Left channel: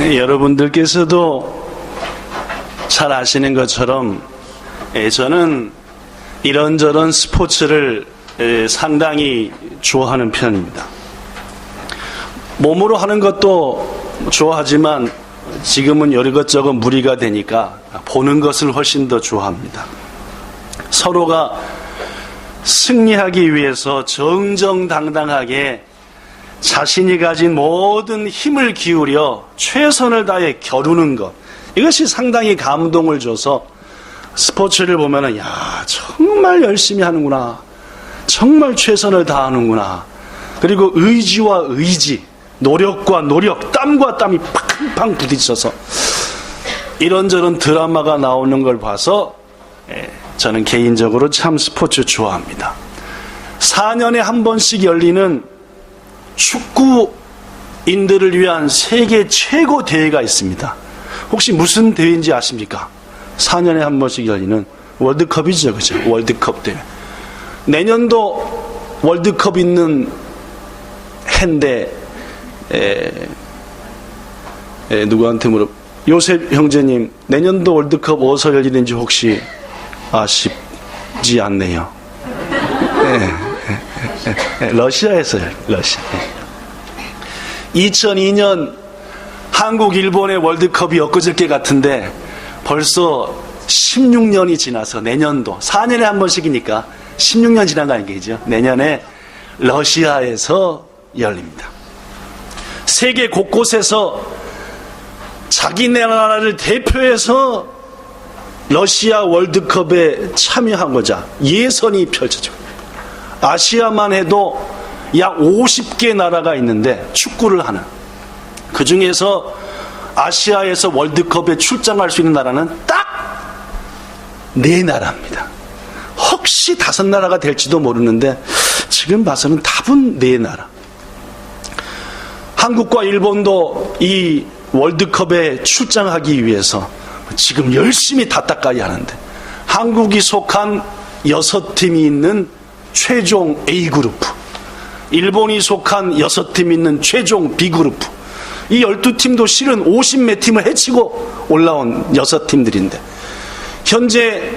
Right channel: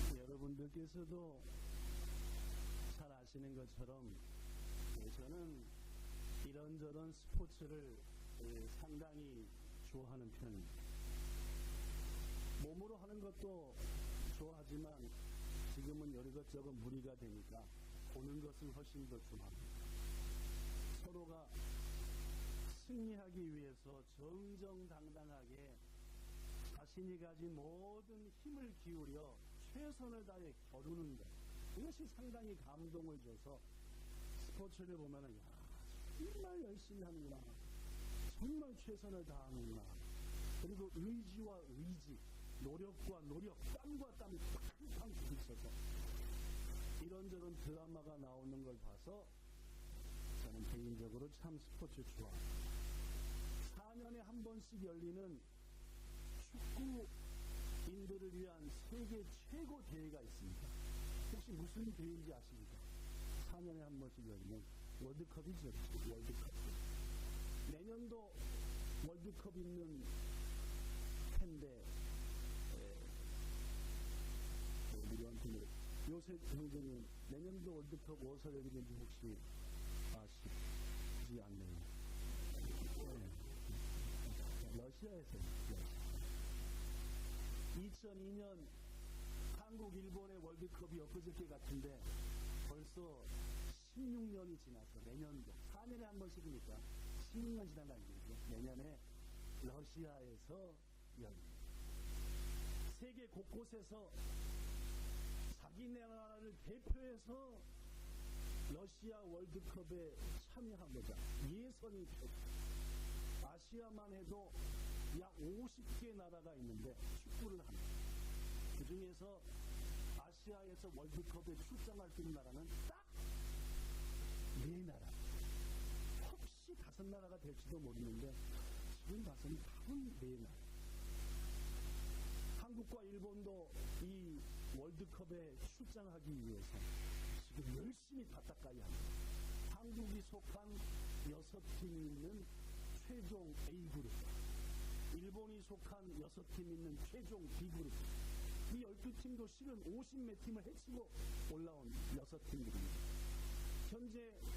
여러분들께서도 잘 아시는 것처럼 저는 이런저런 스포츠를 상당히 좋아하는 편입니다. 몸으로 하는 것도 좋아하지만 지금은 이것저것 무리가 되니까 보는 것을 훨씬 더 좋아합니다. 서로가 승리하기 위해서 정정당당하게 자신이 가진 모든 힘을 기울여 최선을 다해 겨루는 것, 이것이 상당히 감동을 줘서 스포츠를 보면은 야, 정말 열심히 하는구나, 정말 최선을 다하는구나, 그리고 의지와 의지, 노력과 노력, 땀과 땀이 팡팡 부딪혀서 이런저런 드라마가 나오는 걸 봐서 저는 개인적으로 참 스포츠 좋아합니다. 4년에 한 번씩 열리는 축구인들을 위한 세계 최고 대회가 있습니다. 혹시 무슨 대회인지 아십니까? 4년에 한 번씩 열리는 월드컵이죠, 그죠? 월드컵 대회. 내년도 월드컵 있는 해인데, 누구한테 요셉 형제님, 내년도 월드컵 어디서 열리는지 혹시 아시지 않네요. 러시아에서요, 러시아. 2002년 한국, 일본의 월드컵이 엊그저께 같은데 벌써 16년이 지나서 내년도, 4년에 한 번씩이니까 16년 지난 거 아니겠죠? 내년에 러시아에서 열립니다. 세계 곳곳에서 자기네 나라를 대표해서 러시아 월드컵에 참여하고자 예선이 펼쳐지고, 아시아만 해도 약 50개 나라가 있는데 축구를 하는, 그 중에서 아시아에서 월드컵에 출장할 수 있는 나라는 딱 4나라입니다. 혹시 5나라가 될지도 모르는데 지금 봐서는 답은 4나라. 한국과 일본도 이 월드컵에 출장하기 위해서 지금 열심히 다따까이 하는데, 한국이 속한 6팀이 있는 최종 A그룹, 일본이 속한 6팀이 있는 최종 B그룹, 이 12팀도 실은 50몇 팀을 해치고 올라온 6팀들인데 현재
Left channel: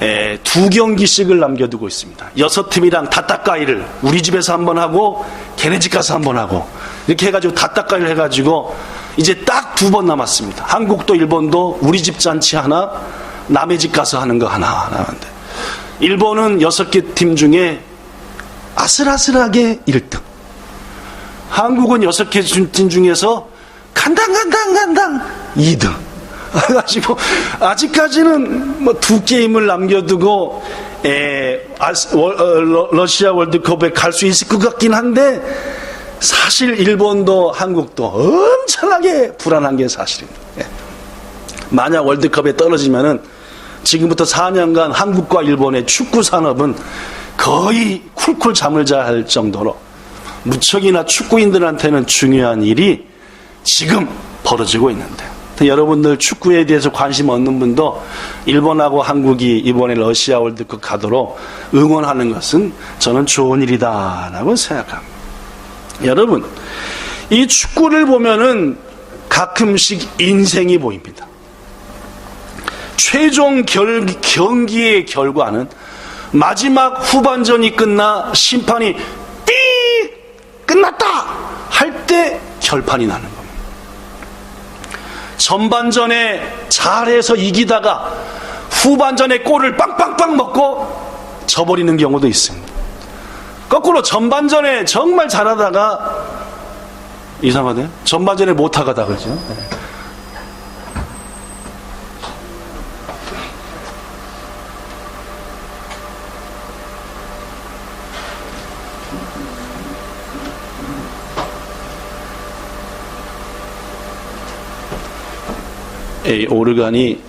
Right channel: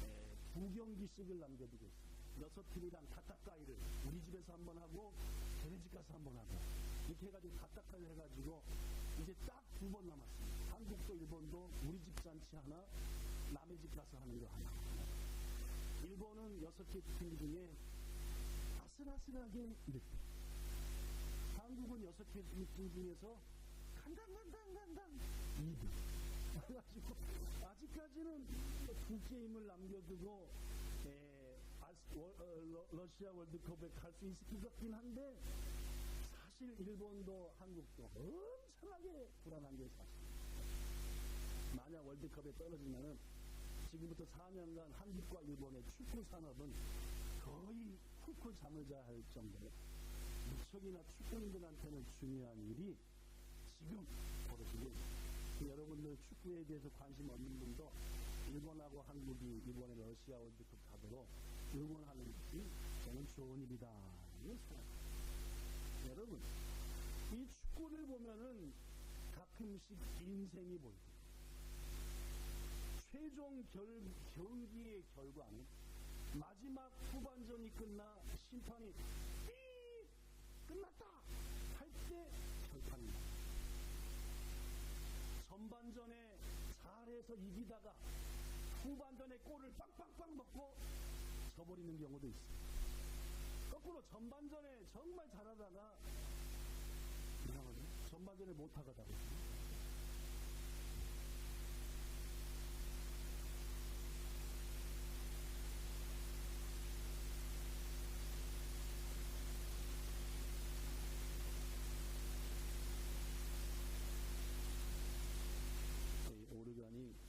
2경기씩을 남겨두고 있습니다. 6팀이랑 다따까이를 우리 집에서 한번 하고 걔네 집 가서 한번 하고 이렇게 해가지고 다따까이를 해가지고 이제 딱 2번 남았습니다. 한국도 일본도 우리 집 잔치 하나, 남의 집 가서 하는 거 하나 남았는데, 일본은 6개 팀 중에 아슬아슬하게 1등, 한국은 6개 팀 중에서 간당 2등. 그래가지고 아직까지는 뭐 2게임을 남겨두고 러시아 월드컵에 갈 수 있을 것 같긴 한데, 사실 일본도 한국도 엄청나게 불안한 게 사실입니다. 만약 월드컵에 떨어지면은 지금부터 4년간 한국과 일본의 축구 산업은 거의 쿨쿨 잠을 자야 할 정도로 무척이나 축구인들한테는 중요한 일이 지금 벌어지고 있는데, 여러분들 축구에 대해서 관심 없는 분도 일본하고 한국이 이번에 러시아 월드컵 가도록 응원하는 것은 저는 좋은 일이다라고 생각합니다. 여러분, 이 축구를 보면은 가끔씩 인생이 보입니다. 최종 경기의 결과는 마지막 후반전이 끝나 심판이 띠 끝났다 할 때 결판이 나는 겁니다. 전반전에 잘해서 이기다가 후반전에 골을 빵빵빵 먹고 져버리는 경우도 있습니다. 거꾸로 전반전에 정말 잘하다가 이상하네, 전반전에 못하가다, 그죠? 이 오르간이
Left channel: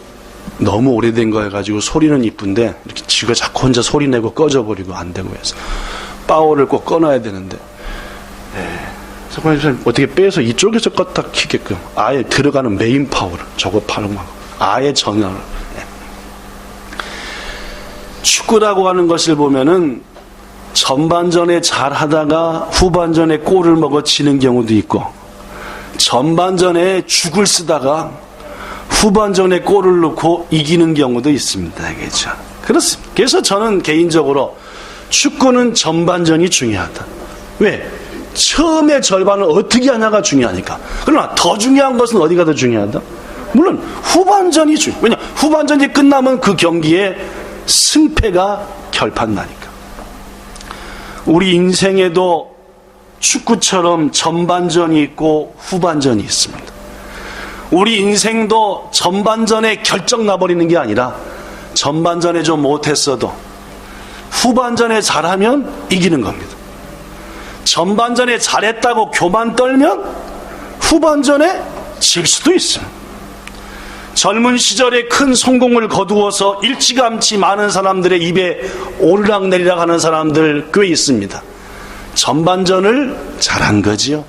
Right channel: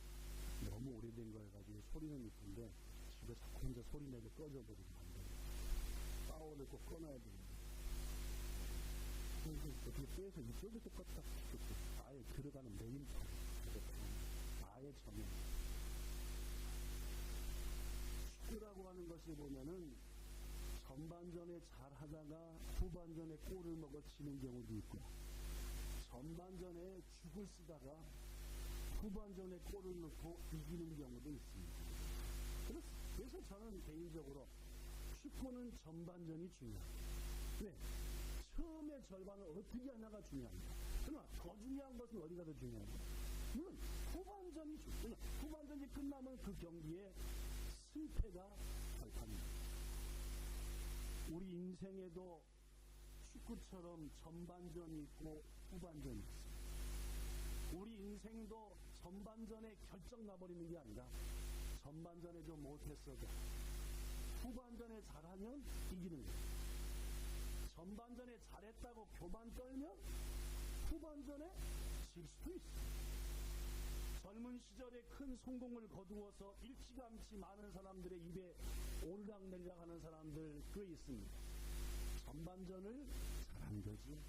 너무 오래된 거 해가지고 소리는 이쁜데 이렇게 지가 자꾸 혼자 소리 내고 꺼져버리고 안 되고 해서 파워를 꼭 꺼놔야 되는데, 어떻게 빼서 이쪽에서 껐다 키게끔 아예 들어가는 메인 파워를 저거 파는만 아예 전환을. 축구라고 하는 것을 보면은 전반전에 잘하다가 후반전에 골을 먹어 지는 경우도 있고, 전반전에 죽을 쓰다가 후반전에 골을 넣고 이기는 경우도 있습니다. 그렇죠? 그렇습니다. 그래서 저는 개인적으로 축구는 전반전이 중요하다. 왜? 처음의 절반을 어떻게 하냐가 중요하니까. 그러나 더 중요한 것은 어디가 더 중요하다? 물론 후반전이 중요해요. 왜냐? 후반전이 끝나면 그 경기의 승패가 결판나니까. 우리 인생에도 축구처럼 전반전이 있고 후반전이 있습니다. 우리 인생도 전반전에 결정 나버리는 게 아니라 전반전에 좀 못했어도 후반전에 잘하면 이기는 겁니다. 전반전에 잘했다고 교만 떨면 후반전에 질 수도 있어요. 젊은 시절에 큰 성공을 거두어서 일찌감치 많은 사람들의 입에 오르락내리락 하는 사람들 꽤 있습니다. 전반전을 잘한 거지요.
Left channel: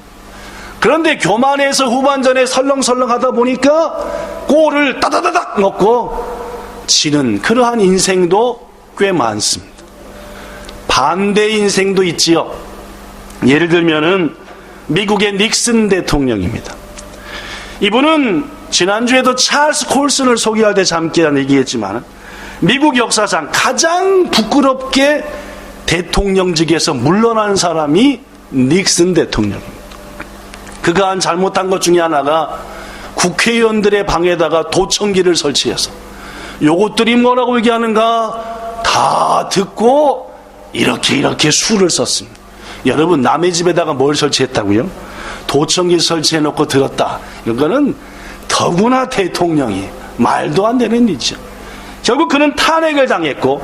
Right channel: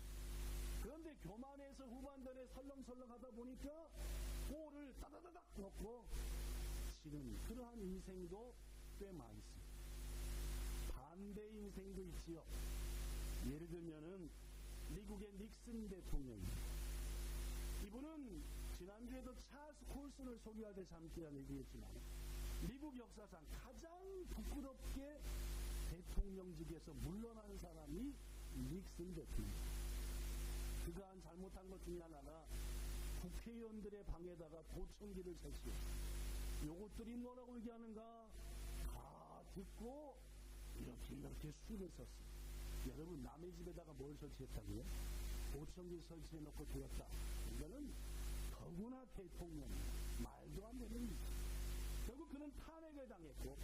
그런데 교만해서 후반전에 설렁설렁 하다 보니까 골을 따다다닥 넣고 지는 그러한 인생도 꽤 많습니다. 반대 인생도 있지요. 예를 들면은 미국의 닉슨 대통령입니다. 이분은 지난주에도 찰스 콜슨을 소개할 때 잠깐 얘기했지만 미국 역사상 가장 부끄럽게 대통령직에서 물러난 사람이 닉슨 대통령입니다. 그가 한 잘못한 것 중에 하나가 국회의원들의 방에다가 도청기를 설치해서 요것들이 뭐라고 얘기하는가 다 듣고 이렇게 수를 썼습니다. 여러분, 남의 집에다가 뭘 설치했다고요? 도청기 설치해놓고 들었다. 이거는 더구나 대통령이 말도 안 되는 일이죠. 결국 그는 탄핵을 당했고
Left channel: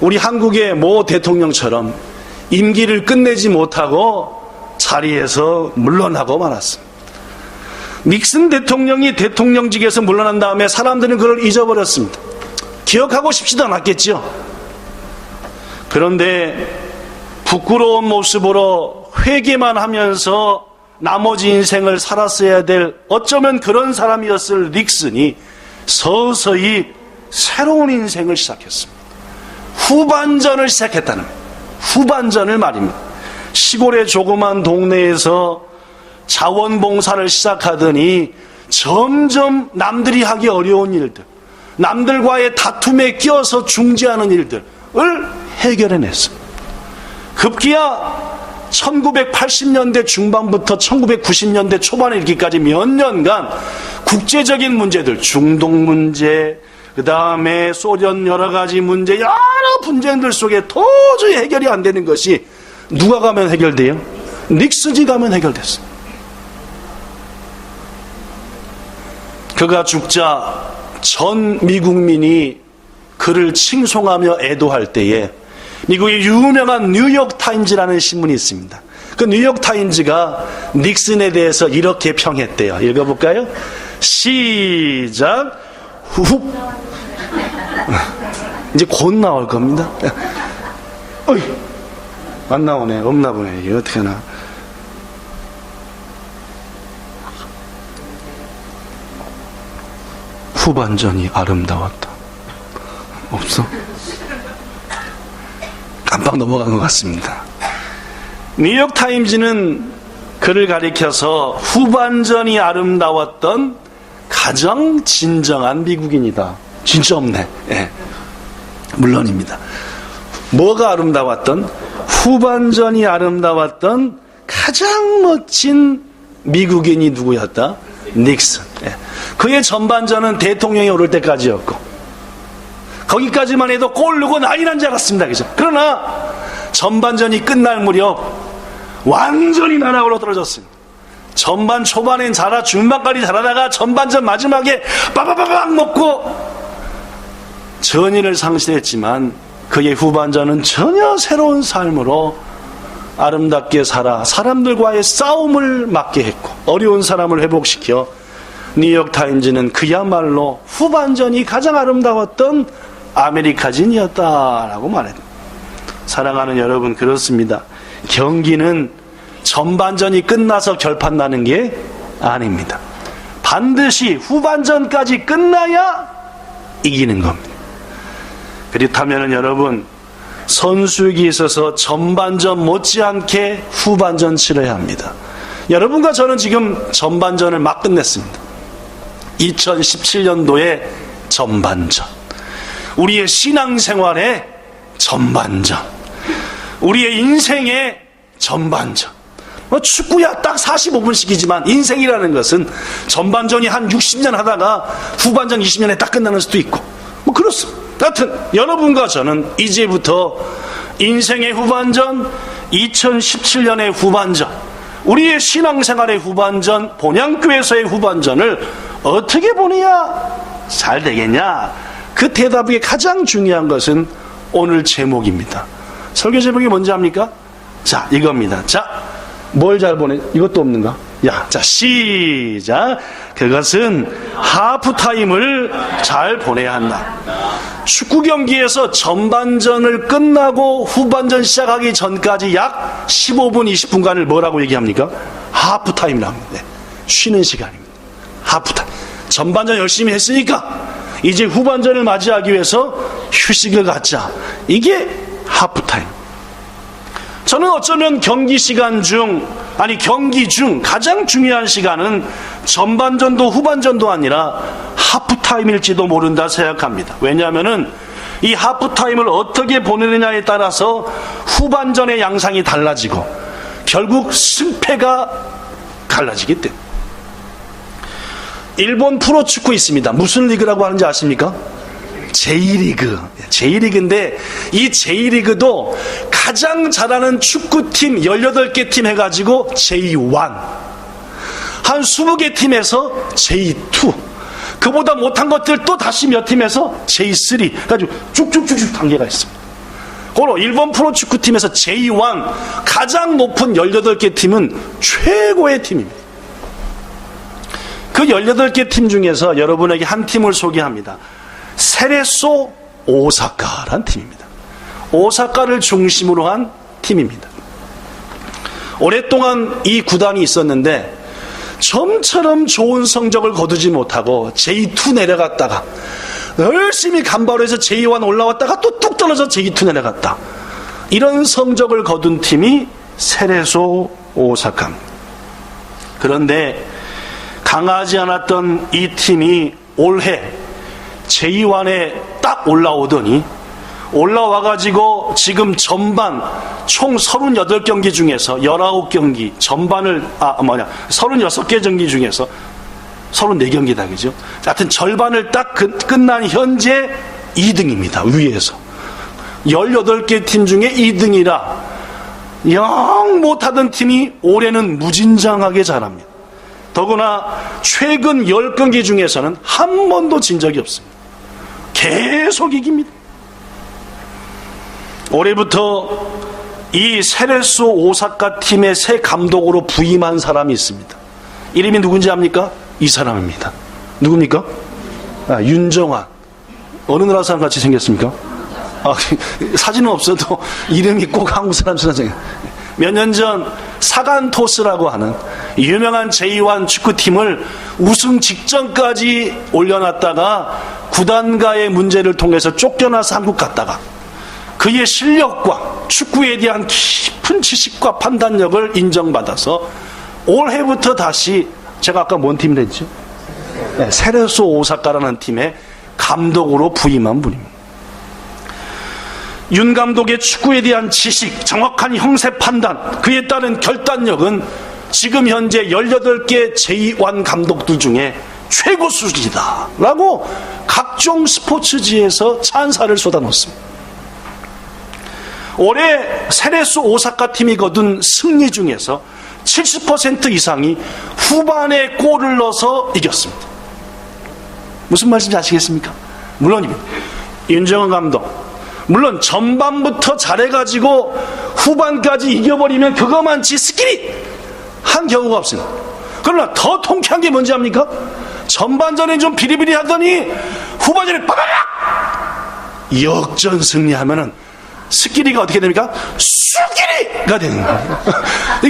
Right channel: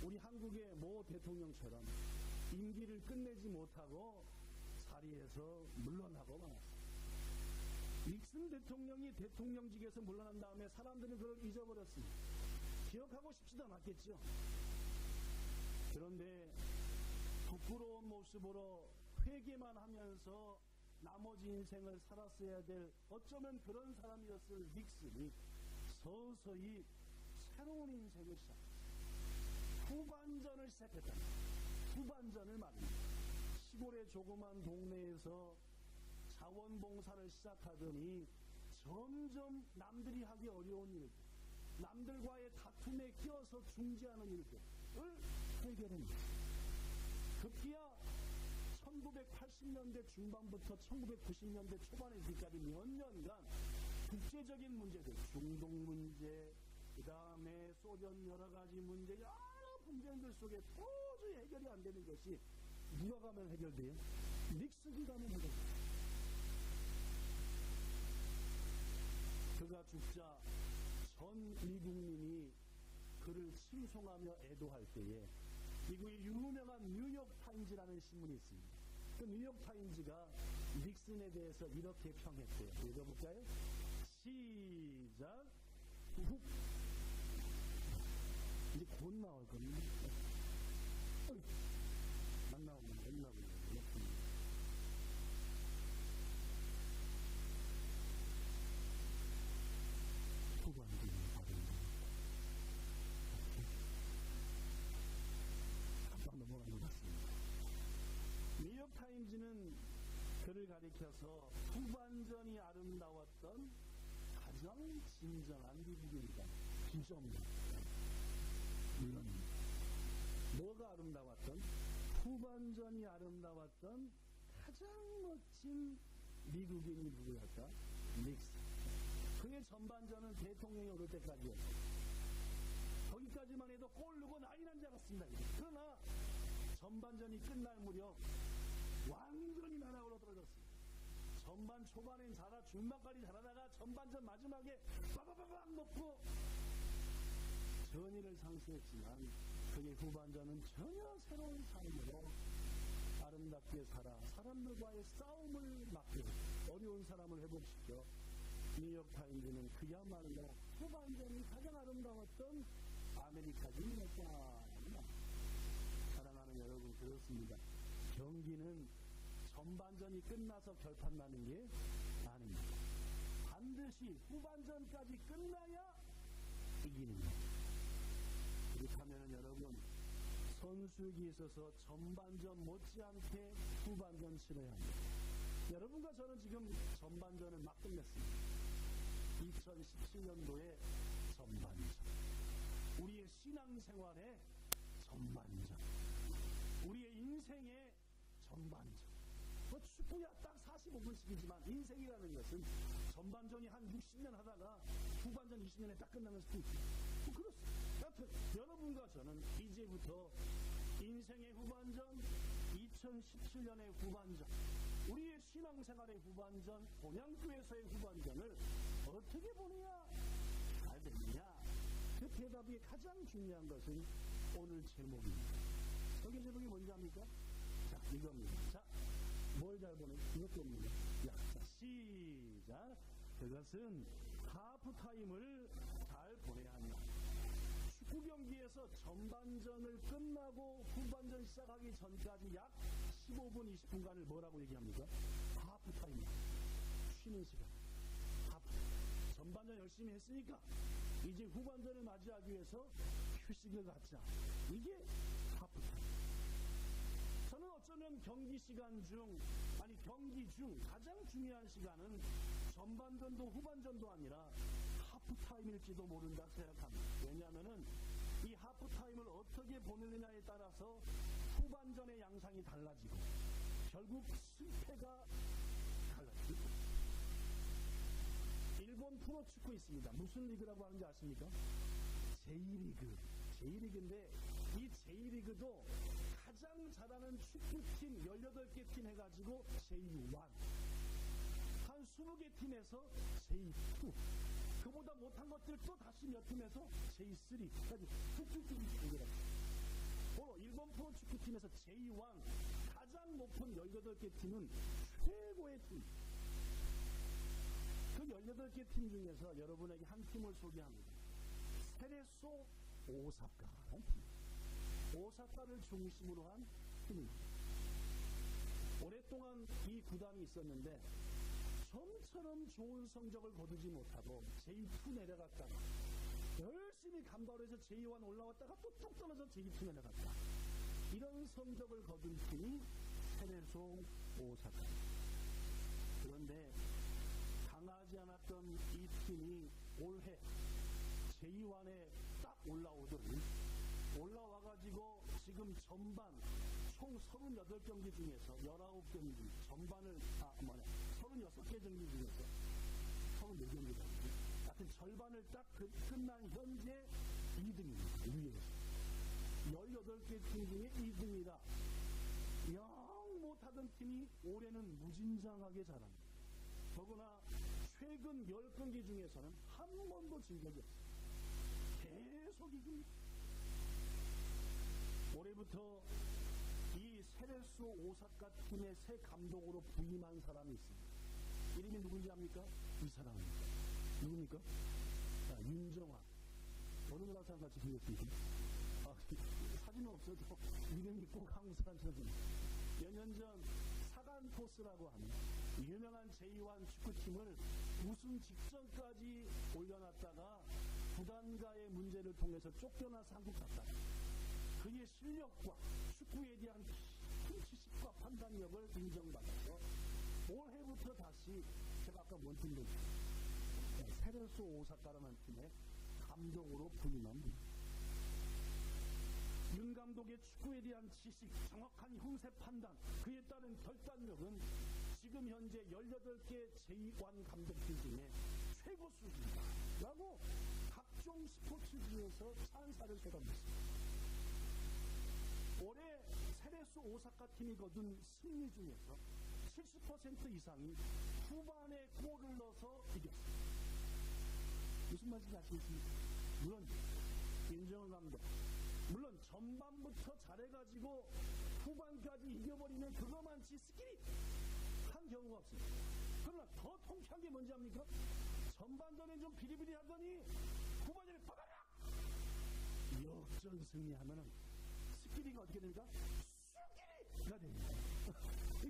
우리 한국의 모 대통령처럼 임기를 끝내지 못하고 자리에서 물러나고 말았습니다. 닉슨 대통령이 대통령직에서 물러난 다음에 사람들은 그걸 잊어버렸습니다. 기억하고 싶지도 않았겠죠. 그런데 부끄러운 모습으로 회개만 하면서 나머지 인생을 살았어야 될 어쩌면 그런 사람이었을 닉슨이 서서히 새로운 인생을 시작했습니다. 후반전을 시작했다는 거예요. 후반전을 말입니다. 시골의 조그만 동네에서 자원봉사를 시작하더니 점점 남들이 하기 어려운 일들, 남들과의 다툼에 끼어서 중재하는 일들을 해결해냈습니다. 급기야 1980년대 중반부터 1990년대 초반에 이르기까지 몇 년간 국제적인 문제들, 중동 문제, 그 다음에 소련 여러 가지 문제, 여러 분쟁들 속에 도저히 해결이 안 되는 것이 누가 가면 해결돼요? 닉슨이 가면 해결됐어요. 그가 죽자 전 미국민이 그를 칭송하며 애도할 때에 미국의 유명한 뉴욕타임즈라는 신문이 있습니다. 그 뉴욕타임즈가 닉슨에 대해서 이렇게 평했대요. 읽어볼까요? 시작. 후. 이제 곧 나올 겁니다. 어이, 안 나오네. 없나 보네. 이게 어떻게 하나. 후반전이 아름다웠다. 없어? 깜빡 넘어간 것 같습니다. 뉴욕타임즈는 그를 가리켜서 후반전이 아름다웠던 가장 진정한 미국인이다. 진짜 없네. 예. 물론입니다. 뭐가 아름다웠던? 후반전이 아름다웠던 가장 멋진 미국인이 누구였다? 닉슨. 예. 그의 전반전은 대통령이 오를 때까지였고 거기까지만 해도 골 넣고 난리 난 줄 알았습니다. 그죠? 그러나 전반전이 끝날 무렵 완전히 나락으로 떨어졌습니다. 전반 초반엔 중반까지 잘하다가 전반전 마지막에 빠바바박 먹고 전의를 상실했지만 그의 후반전은 전혀 새로운 삶으로 아름답게 살아 사람들과의 싸움을 막게 했고 어려운 사람을 회복시켜 뉴욕타임즈는 그야말로 후반전이 가장 아름다웠던 아메리카진이었다라고 말합니다. 사랑하는 여러분, 그렇습니다. 경기는 전반전이 끝나서 결판 나는 게 아닙니다. 반드시 후반전까지 끝나야 이기는 겁니다. 그렇다면 여러분, 선수에게 있어서 전반전 못지않게 후반전 치러야 합니다. 여러분과 저는 지금 전반전을 막 끝냈습니다. 2017년도의 전반전, 우리의 신앙생활의 전반전, 우리의 인생의 전반전. 축구야 딱 45분씩이지만 인생이라는 것은 전반전이 한 60년 하다가 후반전 20년에 딱 끝나는 수도 있고 그렇습니다. 하여튼 여러분과 저는 이제부터 인생의 후반전, 2017년의 후반전, 우리의 신앙생활의 후반전, 본향교회에서의 후반전을 어떻게 보내야 잘 되겠냐? 그 대답이 가장 중요한 것은 오늘 제목입니다. 설교 제목이 뭔지 압니까? 자, 이겁니다. 자, 뭘 잘 보내? 이것도 없는가? 야, 자, 시작. 그것은 하프타임을 잘 보내야 한다. 축구 경기에서 전반전을 끝나고 후반전 시작하기 전까지 약 15분, 20분간을 뭐라고 얘기합니까? 하프타임이라고 합니다. 네, 쉬는 시간입니다. 하프타임. 전반전 열심히 했으니까 이제 후반전을 맞이하기 위해서 휴식을 갖자. 이게 하프타임. 저는 어쩌면 경기 중 가장 중요한 시간은 전반전도 후반전도 아니라 하프타임일지도 모른다 생각합니다. 왜냐하면은 이 하프타임을 어떻게 보내느냐에 따라서 후반전의 양상이 달라지고 결국 승패가 갈라지기 때문에. 일본 프로축구 있습니다. 무슨 리그라고 하는지 아십니까? J리그. J리그인데 이 J리그도 가장 잘하는 축구팀 18개 팀 해가지고 J1, 한 20개 팀에서 J2, 그보다 못한 것들 또 다시 몇 팀에서 J3 해가지고 쭉쭉쭉쭉 단계가 있습니다. 고로 일본 프로축구팀에서 J1 가장 높은 18개 팀은 최고의 팀입니다. 그 18개 팀 중에서 여러분에게 한 팀을 소개합니다. 세레소 오사카란 팀입니다. 오사카를 중심으로 한 팀입니다. 오랫동안 이 구단이 있었는데 좀처럼 좋은 성적을 거두지 못하고 J2 내려갔다가 열심히 간발해서 J1 올라왔다가 또 뚝 떨어져 J2 내려갔다. 이런 성적을 거둔 팀이 세레소 오사카입니다. 그런데 강하지 않았던 이 팀이 올해 J1에 딱 올라오더니 올라와가지고 지금 전반 총 38경기 중에서 19경기 전반을 36개 경기 중에서 34경기다 그죠? 하여튼 절반을 딱 끝난 현재 2등입니다. 위에서 18개 팀 중에 2등이라 영 못하던 팀이 올해는 무진장하게 잘합니다. 더구나 최근 10경기 중에서는 한 번도 진 적이 없습니다. 계속 이깁니다. 올해부터 이 세레소 오사카 팀의 새 감독으로 부임한 사람이 있습니다. 이름이 누군지 압니까? 이 사람입니다. 누굽니까? 윤정환. 어느 나라 사람 같이 생겼습니까? 사진은 없어도 이름이 꼭 한국 사람처럼 생겼어요. 몇 년 전 사간토스라고 하는 유명한 J1 축구팀을 우승 직전까지 올려놨다가 구단과의 문제를 통해서 쫓겨나서 한국 갔다가 그의 실력과 축구에 대한 깊은 지식과 판단력을 인정받아서 올해부터 다시 제가 아까 뭔 팀을 했죠? 네, 세레소 오사카라는 팀의 감독으로 부임한 분입니다. 윤 감독의 축구에 대한 지식, 정확한 형세 판단, 그에 따른 결단력은 지금 현재 18개 J1 감독들 중에 최고 수준이다 라고 각종 스포츠지에서 찬사를 쏟아놓습니다. 올해 세레소 오사카 팀이 거둔 승리 중에서 70% 이상이 후반에 골을 넣어서 이겼습니다. 무슨 말씀인지 아시겠습니까? 물론입니다. 윤정환 감독 물론 전반부터 잘해가지고 후반까지 이겨버리면 그거만치 스킬이 한 경우가 없습니다. 그러나 더 통쾌한 게 뭔지 압니까? 전반전에 좀 비리비리 하더니 후반전에 빠바박 역전 승리하면은 스킬이가 어떻게 됩니까? 수킬이가 되는 거예요.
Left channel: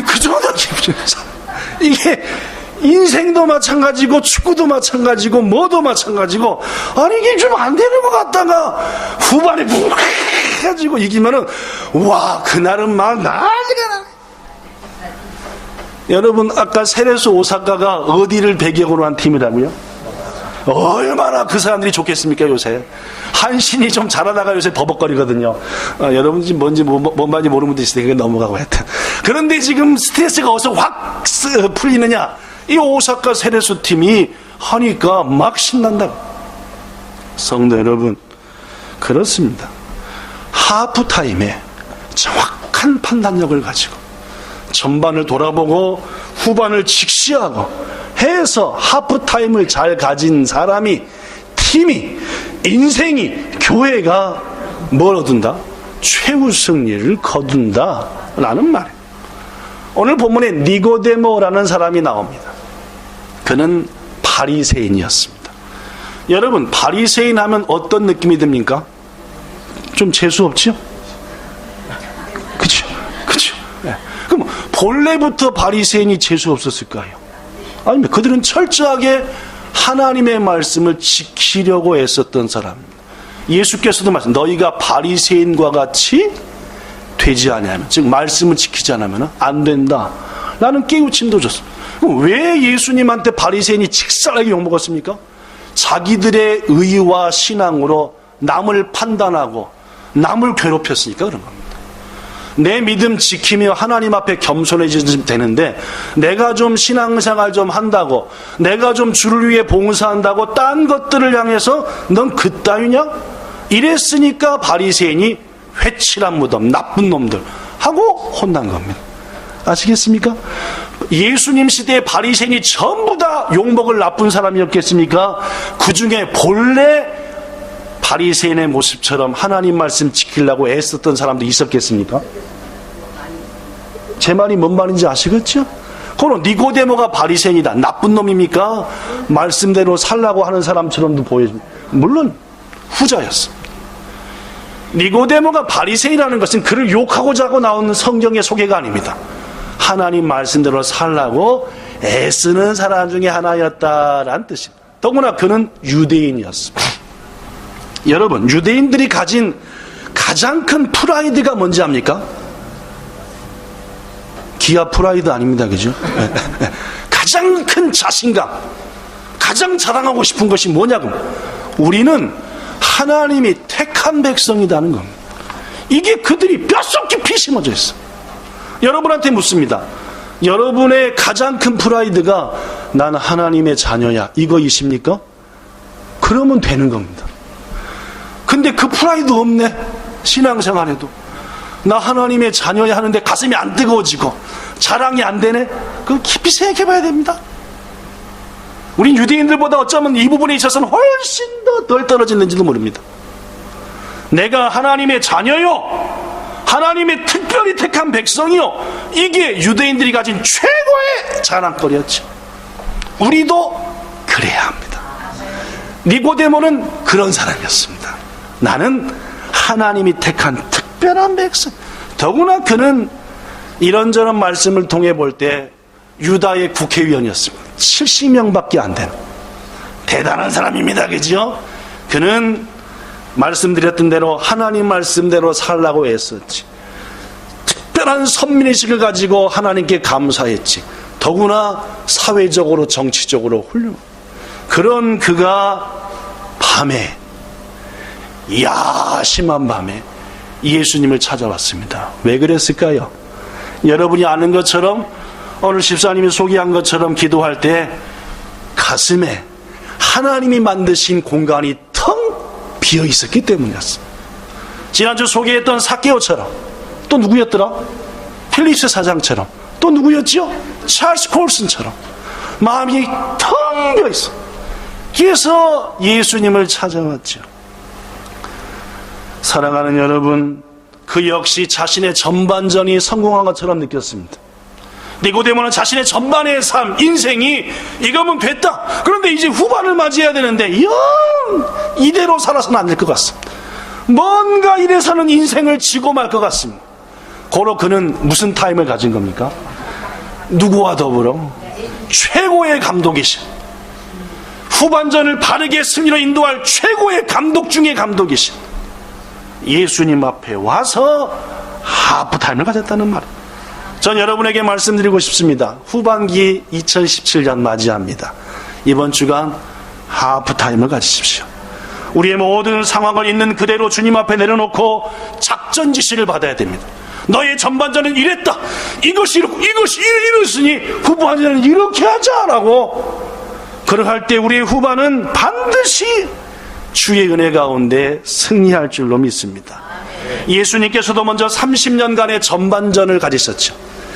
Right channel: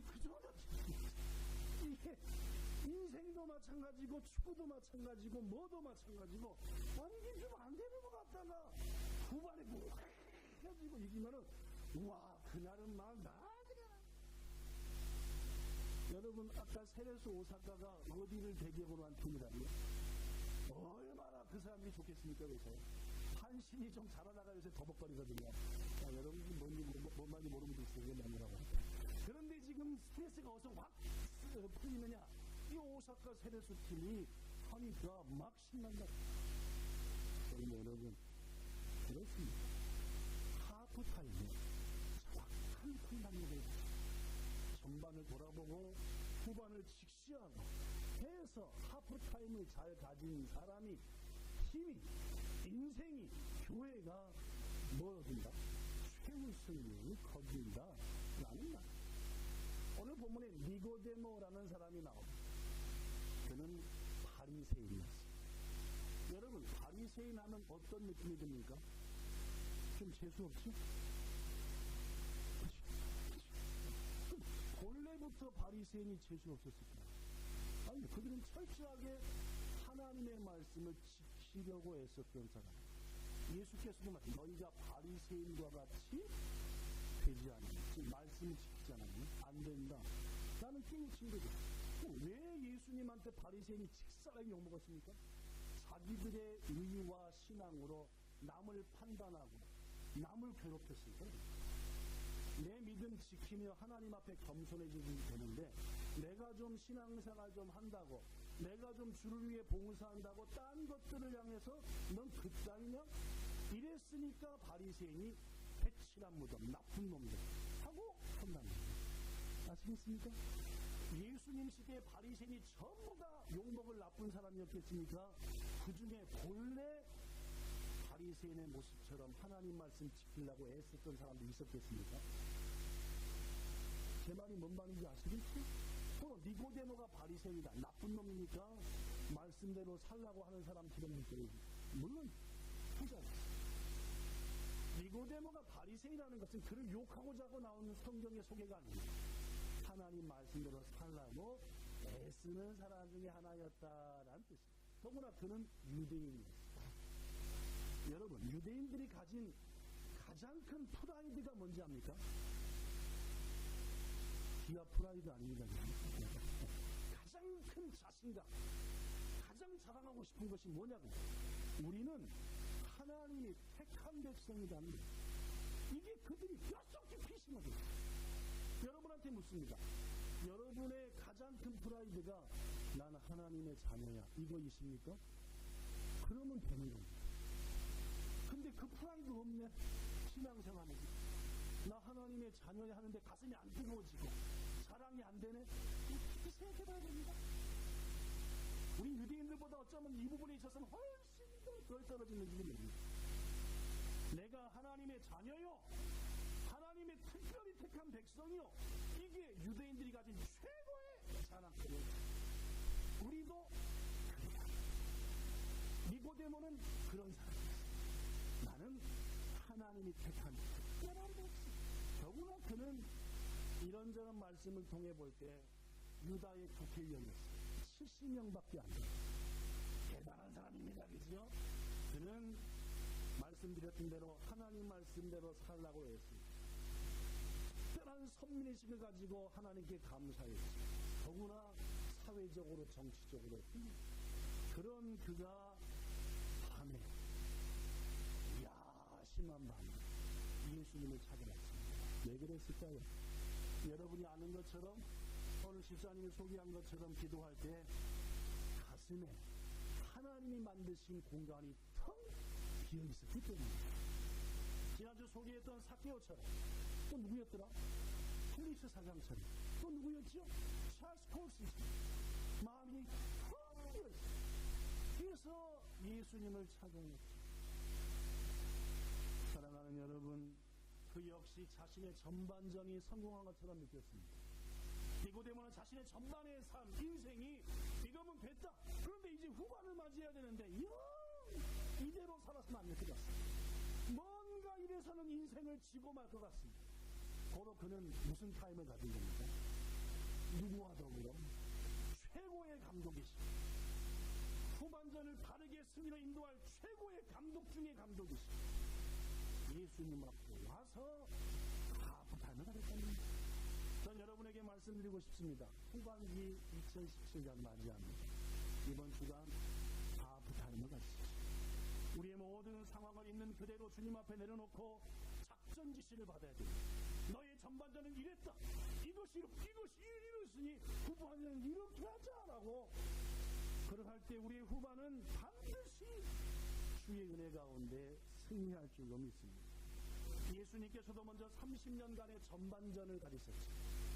그 정도 기분이죠. 이게 인생도 마찬가지고 축구도 마찬가지고 뭐도 마찬가지고 아니 이게 좀 안 되는 것 같다가 후반에 푹 해가지고 이기면은 와 그날은 막 난리가 나. 여러분, 아까 세레스 오사카가 어디를 배경으로 한 팀이라고요? 얼마나 그 사람들이 좋겠습니까, 요새? 한신이 좀 잘하다가 요새 버벅거리거든요. 여러분, 지금 뭔지 뭔지 모르는 분도 있으니까 넘어가고 하여튼. 그런데 지금 스트레스가 어디서 확 풀리느냐? 이 오사카 세레스 팀이 하니까 막 신난다. 성도 여러분, 그렇습니다. 하프타임에 정확한 판단력을 가지고 전반을 돌아보고 후반을 직시하고 해서 하프타임을 잘 가진 사람이, 팀이, 인생이, 교회가 뭘 얻는다? 최후 승리를 거둔다 라는 말이에요. 오늘 본문에 니고데모라는 사람이 나옵니다. 그는 바리새인이었습니다. 여러분, 바리새인 하면 어떤 느낌이 듭니까? 좀 재수없죠? 그렇죠? 그렇죠? 네. 그럼 본래부터 바리새인이 재수없었을까요? 아닙니다. 그들은 철저하게 하나님의 말씀을 지키려고 애썼던 사람입니다. 예수께서도 말씀, 너희가 바리새인과 같이 되지 않으면, 즉 말씀을 지키지 않으면 안 된다 라는 깨우침도 줬습니다. 왜 예수님한테 바리새인이 직살하게 욕먹었습니까? 자기들의 의와 신앙으로 남을 판단하고 남을 괴롭혔으니까 그런 겁니다. 내 믿음 지키며 하나님 앞에 겸손해지면 되는데, 내가 좀 신앙생활 좀 한다고, 내가 좀 주를 위해 봉사한다고 딴 것들을 향해서 넌 그따위냐? 이랬으니까 바리새인이 회칠한 무덤, 나쁜 놈들 하고 혼난 겁니다. 아시겠습니까? 예수님 시대의 바리새인이 전부 다 욕먹을 나쁜 사람이었겠습니까? 그 중에 본래 바리새인의 모습처럼 하나님 말씀 지키려고 애썼던 사람도 있었겠습니까? 제 말이 뭔 말인지 아시겠죠? 그럼 니고데모가 바리새인이다, 나쁜 놈입니까? 말씀대로 살라고 하는 사람처럼도 보여집니다. 물론 후자였습니다. 니고데모가 바리새인이라는 것은 그를 욕하고자 하고 나오는 성경의 소개가 아닙니다. 하나님 말씀대로 살라고 애쓰는 사람 중에 하나였다라는 뜻입니다. 더구나 그는 유대인이었습니다. 여러분, 유대인들이 가진 가장 큰 프라이드가 뭔지 압니까? 기아 프라이드 아닙니다, 그죠? 가장 큰 자신감, 가장 자랑하고 싶은 것이 뭐냐고, 우리는 하나님이 택한 백성이라는 겁니다. 이게 그들이 뼛속 깊이 심어져 있어. 여러분한테 묻습니다. 여러분의 가장 큰 프라이드가 나는 하나님의 자녀야, 이거이십니까? 그러면 되는 겁니다. 근데 그 프라이드 없네. 신앙생활에도 나 하나님의 자녀야 하는데 가슴이 안 뜨거워지고 자랑이 안 되네. 그거 깊이 생각해 봐야 됩니다. 우린 유대인들보다 어쩌면 이 부분에 있어서는 훨씬 더 덜 떨어지는지도 모릅니다. 내가 하나님의 자녀요, 하나님의 특별히 택한 백성이요, 이게 유대인들이 가진 최고의 자랑거리였죠. 우리도 그래야 합니다. 니고데모는 그런 사람이었습니다. 나는 하나님이 택한 특별한 백성. 더구나 그는 이런저런 말씀을 통해 볼 때 유다의 국회의원이었습니다. 70명밖에 안 되는 대단한 사람입니다. 그죠? 그는 말씀드렸던 대로 하나님 말씀대로 살라고 애썼지. 특별한 선민의식을 가지고 하나님께 감사했지. 더구나 사회적으로 정치적으로 훌륭한 그런 그가 밤에, 야심한 밤에 예수님을 찾아왔습니다. 왜 그랬을까요? 여러분이 아는 것처럼 오늘 집사님이 소개한 것처럼 기도할 때 가슴에 하나님이 만드신 공간이 텅 비어 있었기 때문이었습니다. 지난주 소개했던 삭개오처럼, 또 누구였더라? 필립스 사장처럼, 또 누구였죠? 찰스 콜슨처럼 마음이 텅 비어 있어. 그래서 예수님을 찾아왔죠. 사랑하는 여러분, 그 역시 자신의 전반전이 성공한 것처럼 느꼈습니다. 니고데모는 자신의 전반의 삶, 인생이 이거면 됐다. 그런데 이제 후반을 맞이해야 되는데 영 이대로 살아서는 안 될 것 같습니다. 뭔가 이래서는 인생을 지고 말 것 같습니다. 고로 그는 무슨 타임을 가진 겁니까? 누구와 더불어? 최고의 감독이신, 후반전을 바르게 승리로 인도할 최고의 감독 중의 감독이신 예수님 앞에 와서 하프타임을 가졌다는 말이에요. 전 여러분에게 말씀드리고 싶습니다. 후반기 2017년 맞이합니다. 이번 주간 하프타임을 가지십시오. 우리의 모든 상황을 있는 그대로 주님 앞에 내려놓고 작전 지시를 받아야 됩니다. 너의 전반전은 이랬다. 이것이 이랬으니 후반전은 이렇게 하자라고. 그러할 때 우리의 후반은 반드시 주의 은혜 가운데 승리할 줄로 믿습니다. 예수님께서도 먼저 30년간의 전반전을 가지셨죠.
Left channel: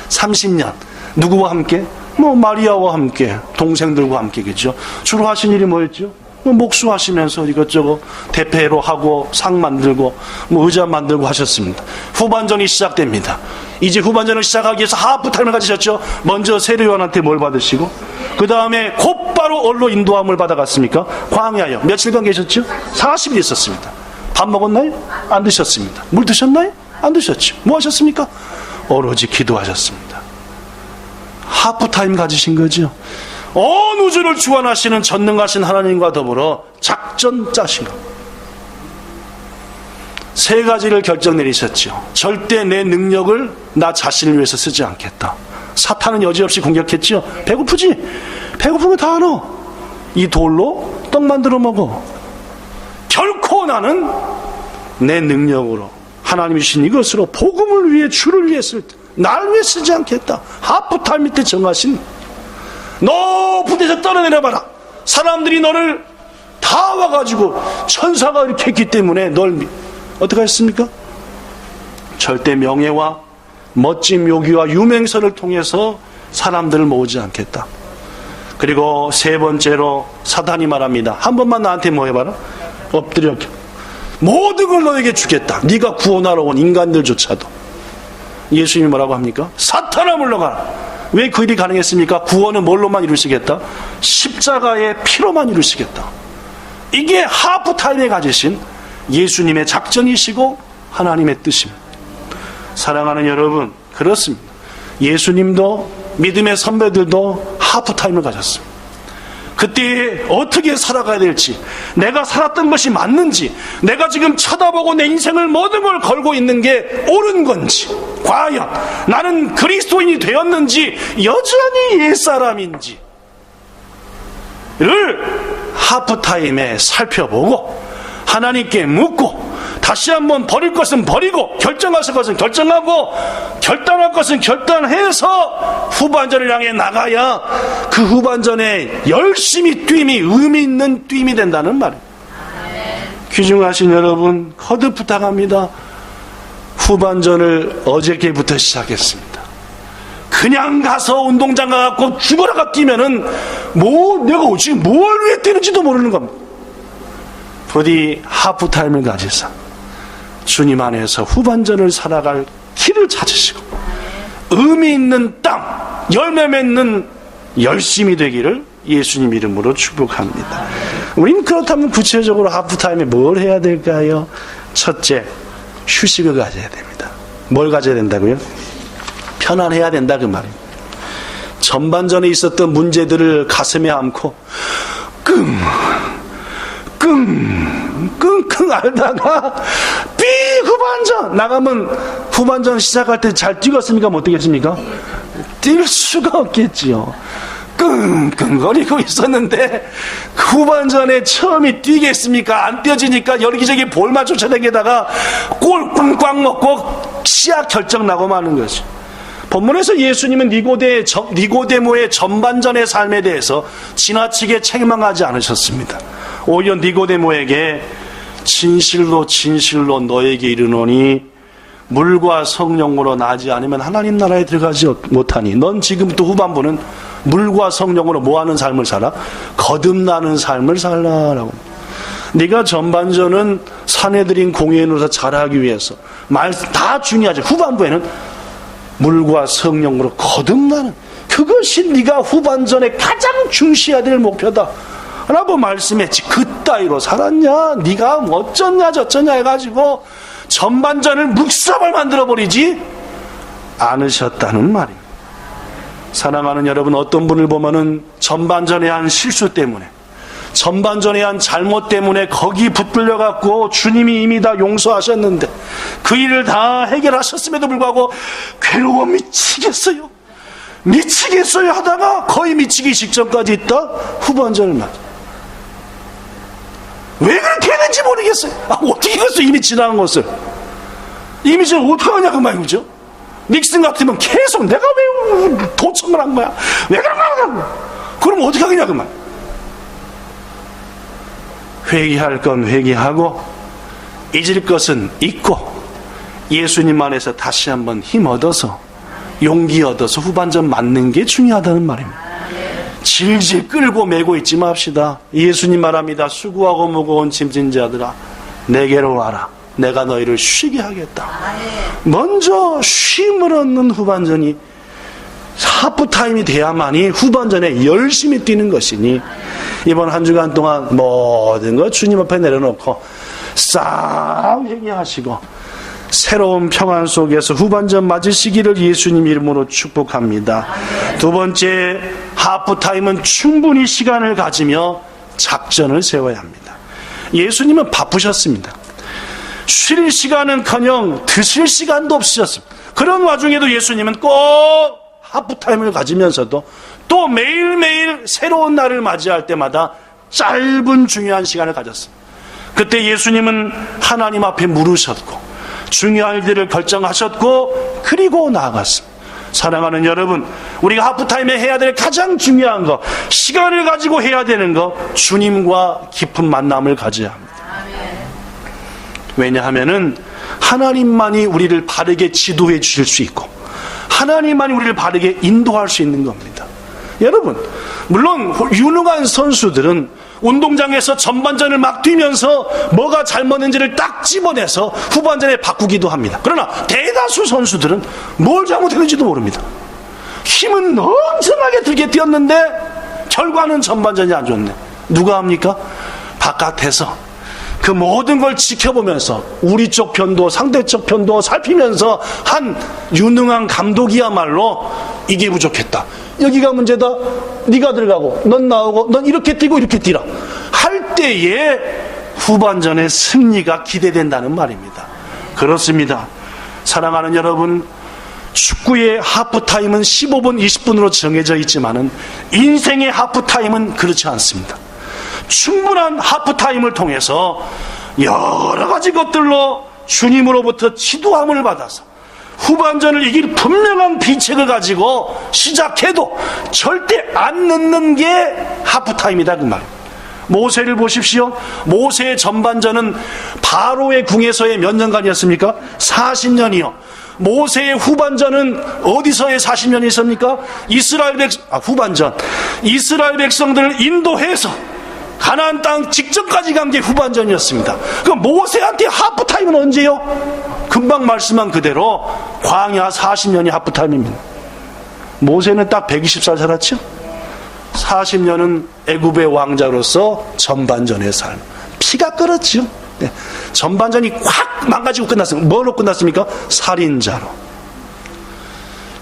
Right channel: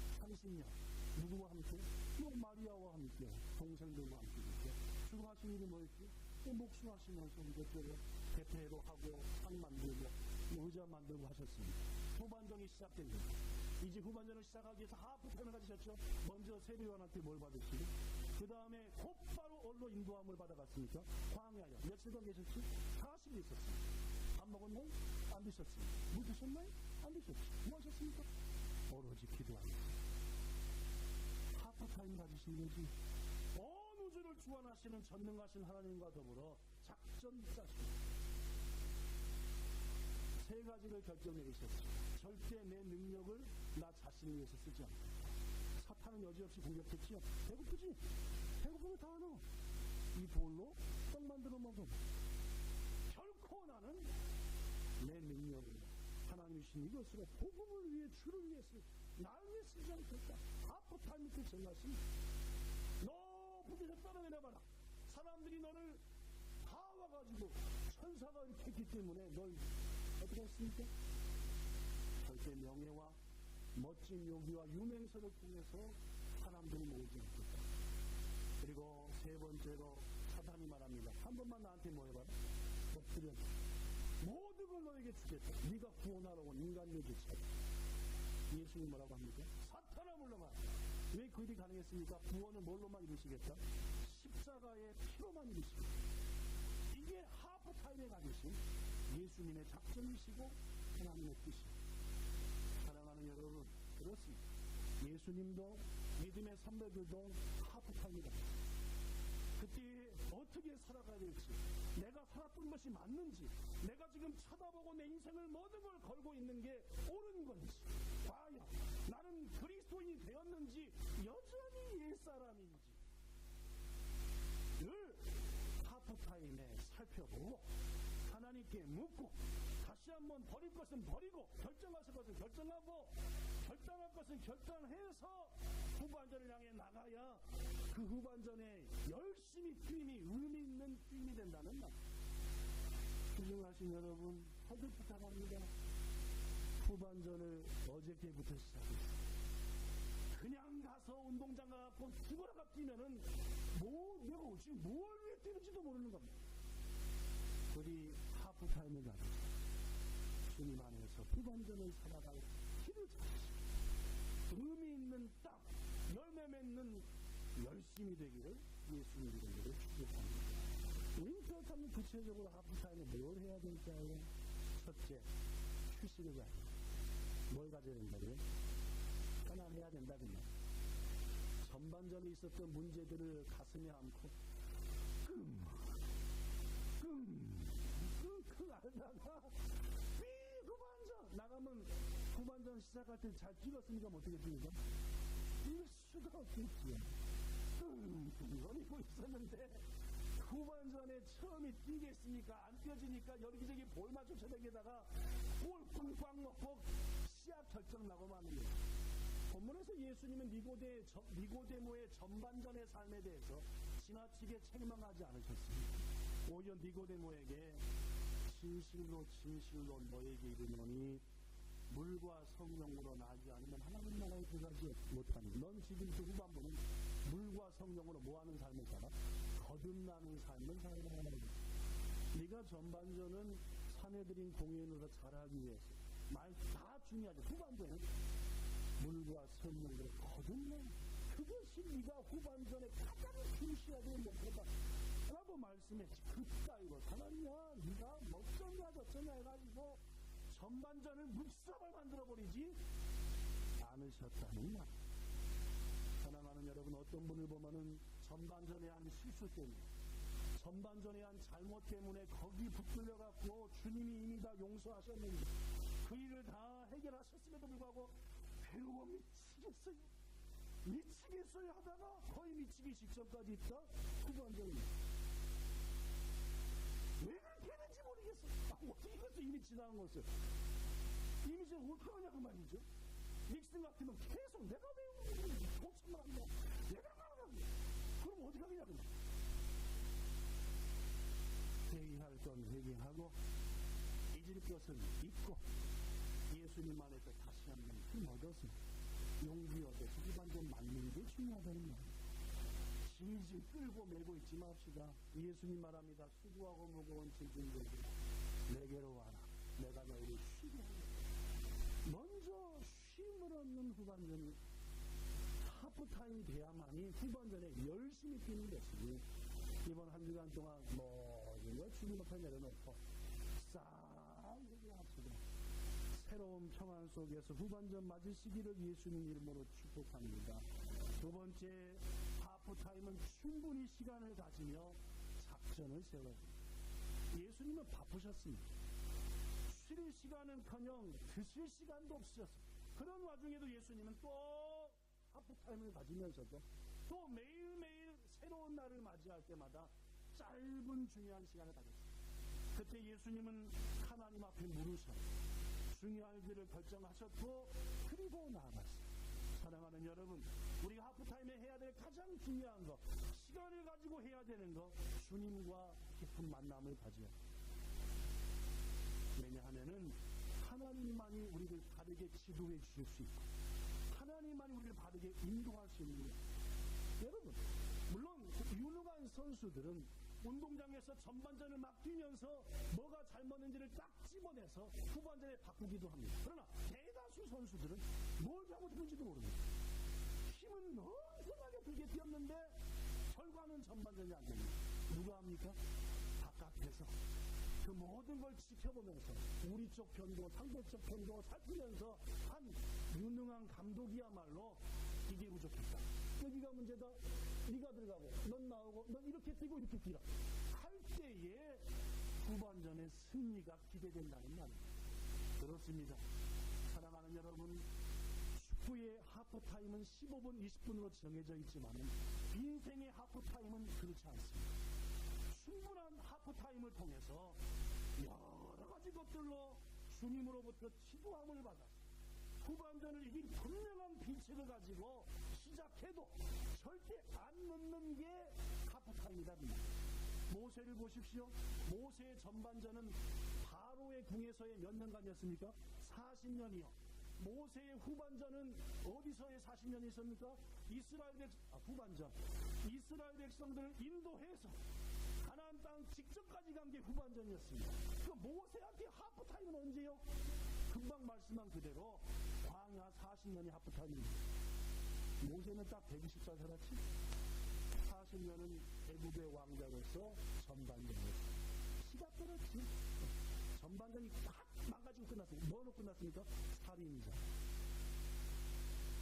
30년. 누구와 함께? 마리아와 함께, 동생들과 함께겠죠. 주로 하신 일이 뭐였죠? 목수하시면서 이것저것 대패로 하고 상 만들고 의자 만들고 하셨습니다. 후반전이 시작됩니다. 이제 후반전을 시작하기 위해서 하프타임을 가지셨죠. 먼저 세례요한한테 뭘 받으시고 그 다음에 곧바로 어디로 인도함을 받아갔습니까? 광야요. 며칠간 계셨죠? 40일 있었습니다. 밥 먹었나요? 안 드셨습니다. 물 드셨나요? 안 드셨죠. 뭐 하셨습니까? 오로지 기도하셨습니다. 하프타임 가지신 거죠. 온 우주를 주관하시는 전능하신 하나님과 더불어 작전 짜신 것. 세 가지를 결정 내리셨죠. 절대 내 능력을 나 자신을 위해서 쓰지 않겠다. 사탄은 여지없이 공격했죠. 배고프지? 배고프면 다 알아. 이 돌로 떡 만들어 먹어. 결코 나는 내 능력으로 하나님이 주신 이것으로 복음을 위해 주를 위해 쓸 때 날 위해 쓰지 않겠다. 하프타임 밑에 정하신 높은 데서 떨어내려봐라. 사람들이 너를 다 와가지고 천사가 이렇게 했기 때문에 널 어떻게 했습니까? 절대 명예와 멋진 묘기와 유명세를 통해서 사람들을 모으지 않겠다. 그리고 세 번째로 사탄이 말합니다. 한 번만 나한테 뭐 해봐라. 엎드려. 모든 걸 너에게 주겠다. 네가 구원하러 온 인간들조차도. 예수님이 뭐라고 합니까? 사탄아 물러가라. 왜 그 일이 가능했습니까? 구원은 뭘로만 이루시겠다? 십자가의 피로만 이루시겠다. 이게 하프타임에 가지신 예수님의 작전이시고 하나님의 뜻입니다. 사랑하는 여러분, 그렇습니다. 예수님도 믿음의 선배들도 하프타임을 가졌습니다. 그때 어떻게 살아가야 될지, 내가 살았던 것이 맞는지, 내가 지금 쳐다보고 내 인생을 모든 걸 걸고 있는 게 옳은 건지, 과연 나는 그리스도인이 되었는지 여전히 옛사람인지를 하프타임에 살펴보고 하나님께 묻고 다시 한번 버릴 것은 버리고 결정하실 것은 결정하고 결단할 것은 결단해서 후반전을 향해 나가야 그 후반전에 열심히 뛰임이 의미 있는 뛰임이 된다는 말이에요. 귀중하신 여러분, 거듭 부탁합니다. 후반전을 어저께부터 시작했습니다. 그냥 가서 운동장 가갖고 죽어라가 뛰면은 내가 지금 뭘 위해 뛰는지도 모르는 겁니다. 부디 하프타임을 가지사 주님 안에서 후반전을 살아갈 길을 찾으시고 의미 있는 땅, 열매 맺는 열심이 되기를 예수님 이름으로 축복합니다. 우린 그렇다면 구체적으로 하프타임에 뭘 해야 될까요? 첫째, 휴식을 가져야 됩니다. 뭘 가져야 된다고요? 편안해야 된다 그 말입니다. 전반전에 있었던 문제들을 가슴에 안고 끙끙 앓다가 후반전 나가면 후반전 시작할 때 잘 뛰었습니까? 못 뛰겠습니까? 뛸 수가 없겠지요. 끙끙거리고 있었는데 후반전에 처음이 뛰겠습니까? 안 뛰어지니까 여기저기 볼만 쫓아다니다가 골 꽝꽝 먹고 시합 결정 나고 마는 거죠. 본문에서 예수님은 니고데모의 전반전의 삶에 대해서 지나치게 책망하지 않으셨습니다. 오히려 니고데모에게 진실로 너에게 이르노니 물과 성령으로 나지 않으면 하나님 나라에 들어가지 못하니 넌 지금부터 후반부는 물과 성령으로 뭐하는 삶을 살아? 거듭나는 삶을 살라라고. 네가 전반전은 사내들인 공예인으로서 잘하기 위해서 다 중요하죠. 후반부에는 물과 성령으로 거듭나는, 그것이 네가 후반전에 가장 중시해야 될 목표다 라고 말씀했지. 그따위로 살았냐, 네가 어쩌냐 저쩌냐 해가지고 전반전을 묵사발 만들어버리지 않으셨다는 말입니다. 사랑하는 여러분, 어떤 분을 보면은 전반전에 한 실수 때문에 전반전에 한 잘못 때문에 거기 붙들려 갖고 주님이 이미 다 용서하셨는데 그 일을 다 해결하셨음에도 불구하고 괴로워 미치겠어요 하다가 거의 미치기 직전까지 있다 후반전을 맞아. 왜 그렇게 했는지 모르겠어요. 어떻게 했어? 이미 지나간 것을. 이미 지금 어떡하냐 그 말이죠. 닉슨 같으면 계속 내가 왜 도청을 한 거야? 왜 그런 거야? 그럼 어떻게 하겠냐 그 말. 회개할 건 회개하고 잊을 것은 잊고 예수님 안에서 다시 한번 힘 얻어서 용기 얻어서 후반전 맞는 게 중요하다는 말입니다. 질질 끌고 매고 있지 맙시다. 예수님 말합니다. 수고하고 무거운 짐진 자들아 내게로 와라. 내가 너희를 쉬게 하겠다. 먼저 쉼을 얻는 후반전이 하프타임이 돼야만이 후반전에 열심히 뛰는 것이니 이번 한 주간 동안 모든 것 주님 앞에 내려놓고 싹 회개하시고 새로운 평안 속에서 후반전 맞으시기를 예수님 이름으로 축복합니다. 두 번째, 하프타임은 충분히 시간을 가지며 작전을 세워야 합니다. 예수님은 바쁘셨습니다. 쉴 시간은커녕 드실 시간도 없으셨습니다. 그런 와중에도 예수님은 꼭 하프타임을 가지면서도 또 매일매일 새로운 날을 맞이할 때마다 짧은 중요한 시간을 가졌습니다. 그때 예수님은 하나님 앞에 물으셨고 중요한 일들을 결정하셨고 그리고 나아갔습니다. 사랑하는 여러분, 우리가 하프타임에 해야 될 가장 중요한 것, 시간을 가지고 해야 되는 것, 주님과 깊은 만남을 가져야 합니다. 왜냐하면은 하나님만이 우리를 바르게 지도해 주실 수 있고 하나님만이 우리를 바르게 인도할 수 있는 겁니다. 여러분, 물론 유능한 선수들은 운동장에서 전반전을 막 뛰면서 뭐가 잘못했는지를 딱 집어내서 후반전에 바꾸기도 합니다. 그러나 대다수 선수들은 뭘 잘못했는지도 모릅니다. 힘은 엄청나게 들게 뛰었는데 결과는 전반전이 안 좋네. 누가 합니까? 바깥에서 그 모든 걸 지켜보면서 우리 쪽 편도 상대쪽 편도 살피면서 한 유능한 감독이야말로 이게 부족했다, 여기가 문제다, 네가 들어가고 넌 나오고 넌 이렇게 뛰고 이렇게 뛰라 할 때에 후반전의 승리가 기대된다는 말입니다. 그렇습니다. 사랑하는 여러분, 축구의 하프타임은 15분 20분으로 정해져 있지만은 인생의 하프타임은 그렇지 않습니다. 충분한 하프타임을 통해서 여러 가지 것들로 주님으로부터 지도함을 받아서 후반전을 이길 분명한 비책을 가지고 시작해도 절대 안 늦는 게 하프타임이다 그 말입니다. 모세를 보십시오. 모세의 전반전은 바로의 궁에서의 몇 년간이었습니까? 40년이요. 모세의 후반전은 어디서의 40년이 있습니까? 후반전 이스라엘 백성들을 인도해서 가나안 땅 직전까지 간 게 후반전이었습니다. 그럼 모세한테 하프타임은 언제요? 금방 말씀한 그대로 광야 40년이 하프타임입니다. 모세는 딱 120살 살았죠? 40년은 애굽의 왕자로서 전반전의 삶. 피가 끓었죠. 네. 전반전이 확 망가지고 끝났습니다. 뭐로 끝났습니까? 살인자로.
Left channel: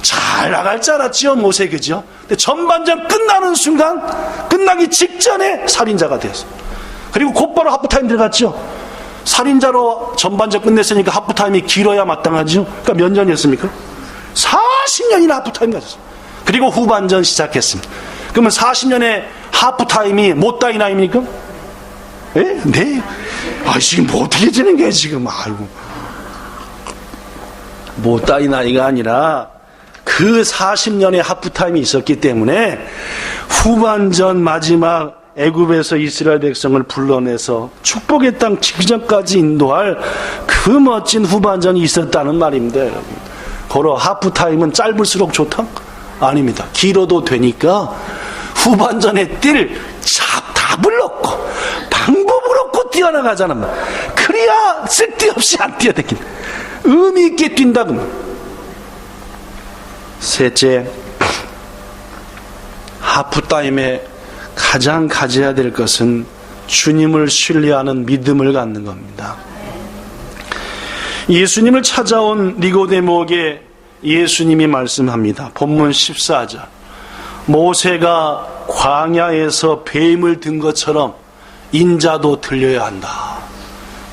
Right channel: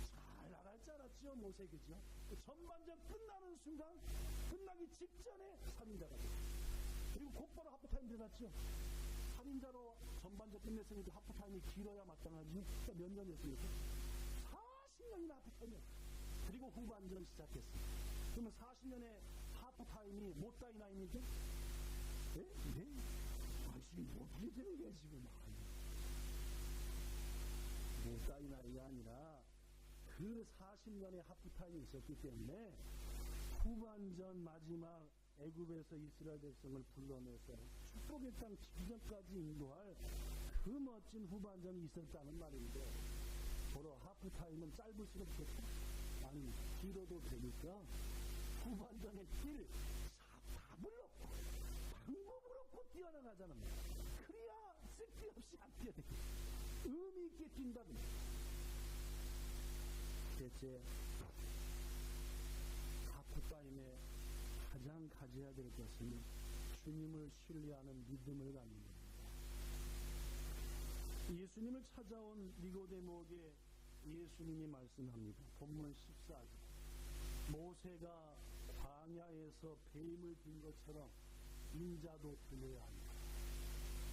잘 나갈 줄 알았지요, 모세, 그죠? 근데 전반전 끝나는 순간, 끝나기 직전에 살인자가 되었어요. 그리고 곧바로 하프타임 들어갔죠. 살인자로 전반전 끝냈으니까 하프타임이 길어야 마땅하죠. 그러니까 몇 년이었습니까? 40년이나 하프타임 가졌어요. 그리고 후반전 시작했습니다. 그러면 40년의 하프타임이 못다이 나이입니까? 예? 네. 지금 뭐 어떻게 지는 거예요, 지금? 아이고. 못다이 나이가 아니라 그 40년의 하프타임이 있었기 때문에 후반전 마지막 애굽에서 이스라엘 백성을 불러내서 축복의 땅 직전까지 인도할 그 멋진 후반전이 있었다는 말입니다, 여러분. 고로 하프타임은 짧을수록 좋다? 아닙니다. 길어도 되니까 후반전에 뛸 답을 얻고 방법을 얻고 뛰어나가자는 말. 그래야 쓸데없이 안 뛰어다니는 의미 있게 뛴다고. 셋째, 하프타임에 가장 가져야 될 것은 주님을 신뢰하는 믿음을 갖는 겁니다. 예수님을 찾아온 니고데모에게 예수님이 말씀합니다. 본문 14절. 모세가 광야에서 뱀을 든 것처럼 인자도 들려야 한다.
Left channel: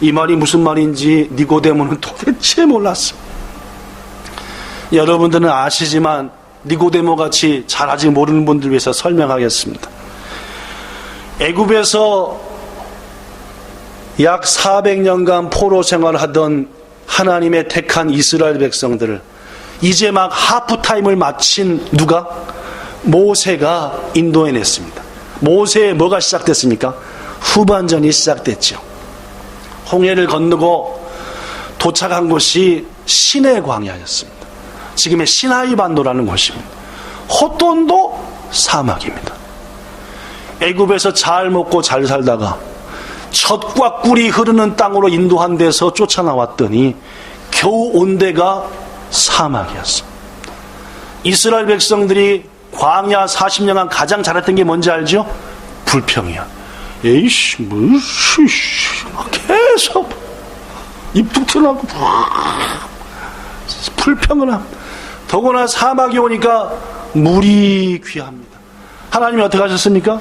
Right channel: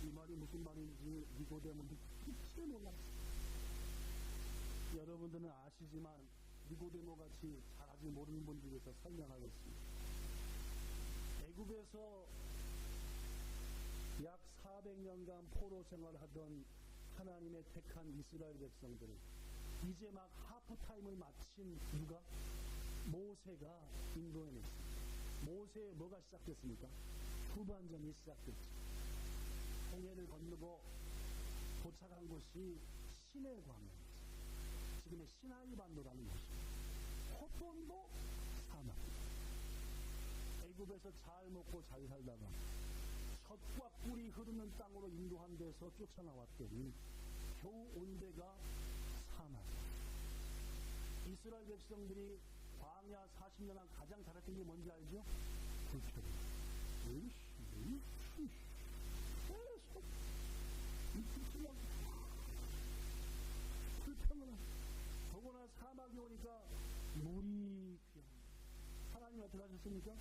이 말이 무슨 말인지 니고데모는 도대체 몰랐어. 여러분들은 아시지만 니고데모 같이 잘 아직 모르는 분들 위해서 설명하겠습니다. 애굽에서 약 400년간 포로 생활하던 하나님의 택한 이스라엘 백성들을 이제 막 하프타임을 마친 누가? 모세가 인도해냈습니다. 모세의 뭐가 시작됐습니까? 후반전이 시작됐죠. 홍해를 건너고 도착한 곳이 시내 광야였습니다. 지금의 시나이 반도라는 곳입니다. 호돈도 사막입니다. 애굽에서 잘 먹고 잘 살다가 젖과 꿀이 흐르는 땅으로 인도한 데서 쫓아나왔더니 겨우 온 데가 사막이었습니다. 이스라엘 백성들이 광야 40년간 가장 잘했던 게 뭔지 알죠? 불평이야. 에이씨, 무슨, 계속 입 툭 튀어나오고 불평을 합니다. 더구나 사막이 오니까 물이 귀합니다. 하나님이 어떻게 하셨습니까?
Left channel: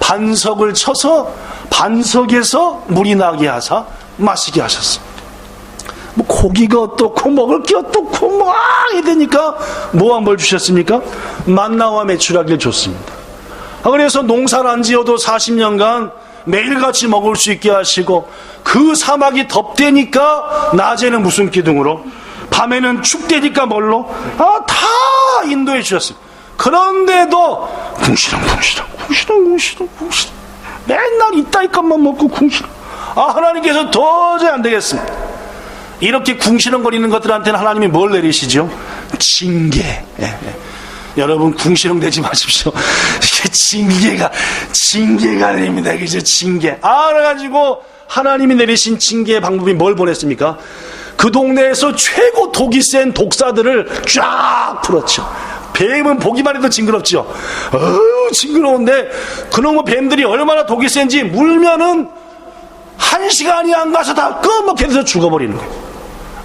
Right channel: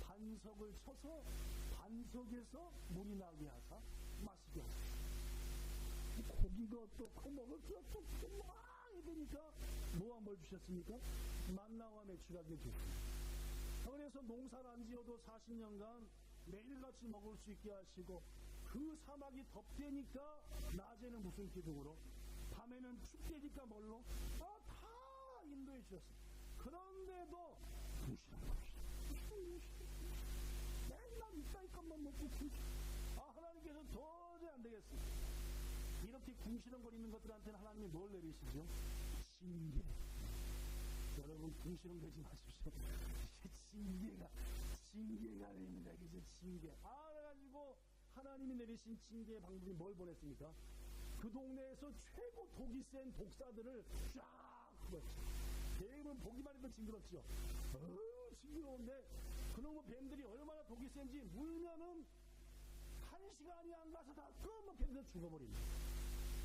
반석을 쳐서 반석에서 물이 나게 하사 마시게 하셨어. 뭐 고기가 어떻고 먹을 게 어떻고 뭐 이러니까 뭐한 뭘 주셨습니까? 만나와 메추라기를 줬습니다. 그래서 농사를 안 지어도 40년간 매일같이 먹을 수 있게 하시고, 그 사막이 덥대니까 낮에는 무슨 기둥으로, 밤에는 춥대니까 뭘로, 다 인도해 주셨습니다. 그런데도 궁시렁 맨날 이따위 것만 먹고 궁시렁. 하나님께서 도저히 안 되겠습니다. 이렇게 궁시렁거리는 것들한테는 하나님이 뭘 내리시죠? 징계. 여러분 궁시렁 대지 마십시오. 이게 징계가 아닙니다. 그죠? 징계. 그래가지고 하나님이 내리신 징계의 방법이 뭘 보냈습니까? 그 동네에서 최고 독이 센 독사들을 쫙 풀었죠. 뱀은 보기만 해도 징그럽죠. 징그러운데 그놈의 뱀들이 얼마나 독이 센지 물면은 1시간이 안 가서 다 끄먹혀서 죽어버리는 거예요.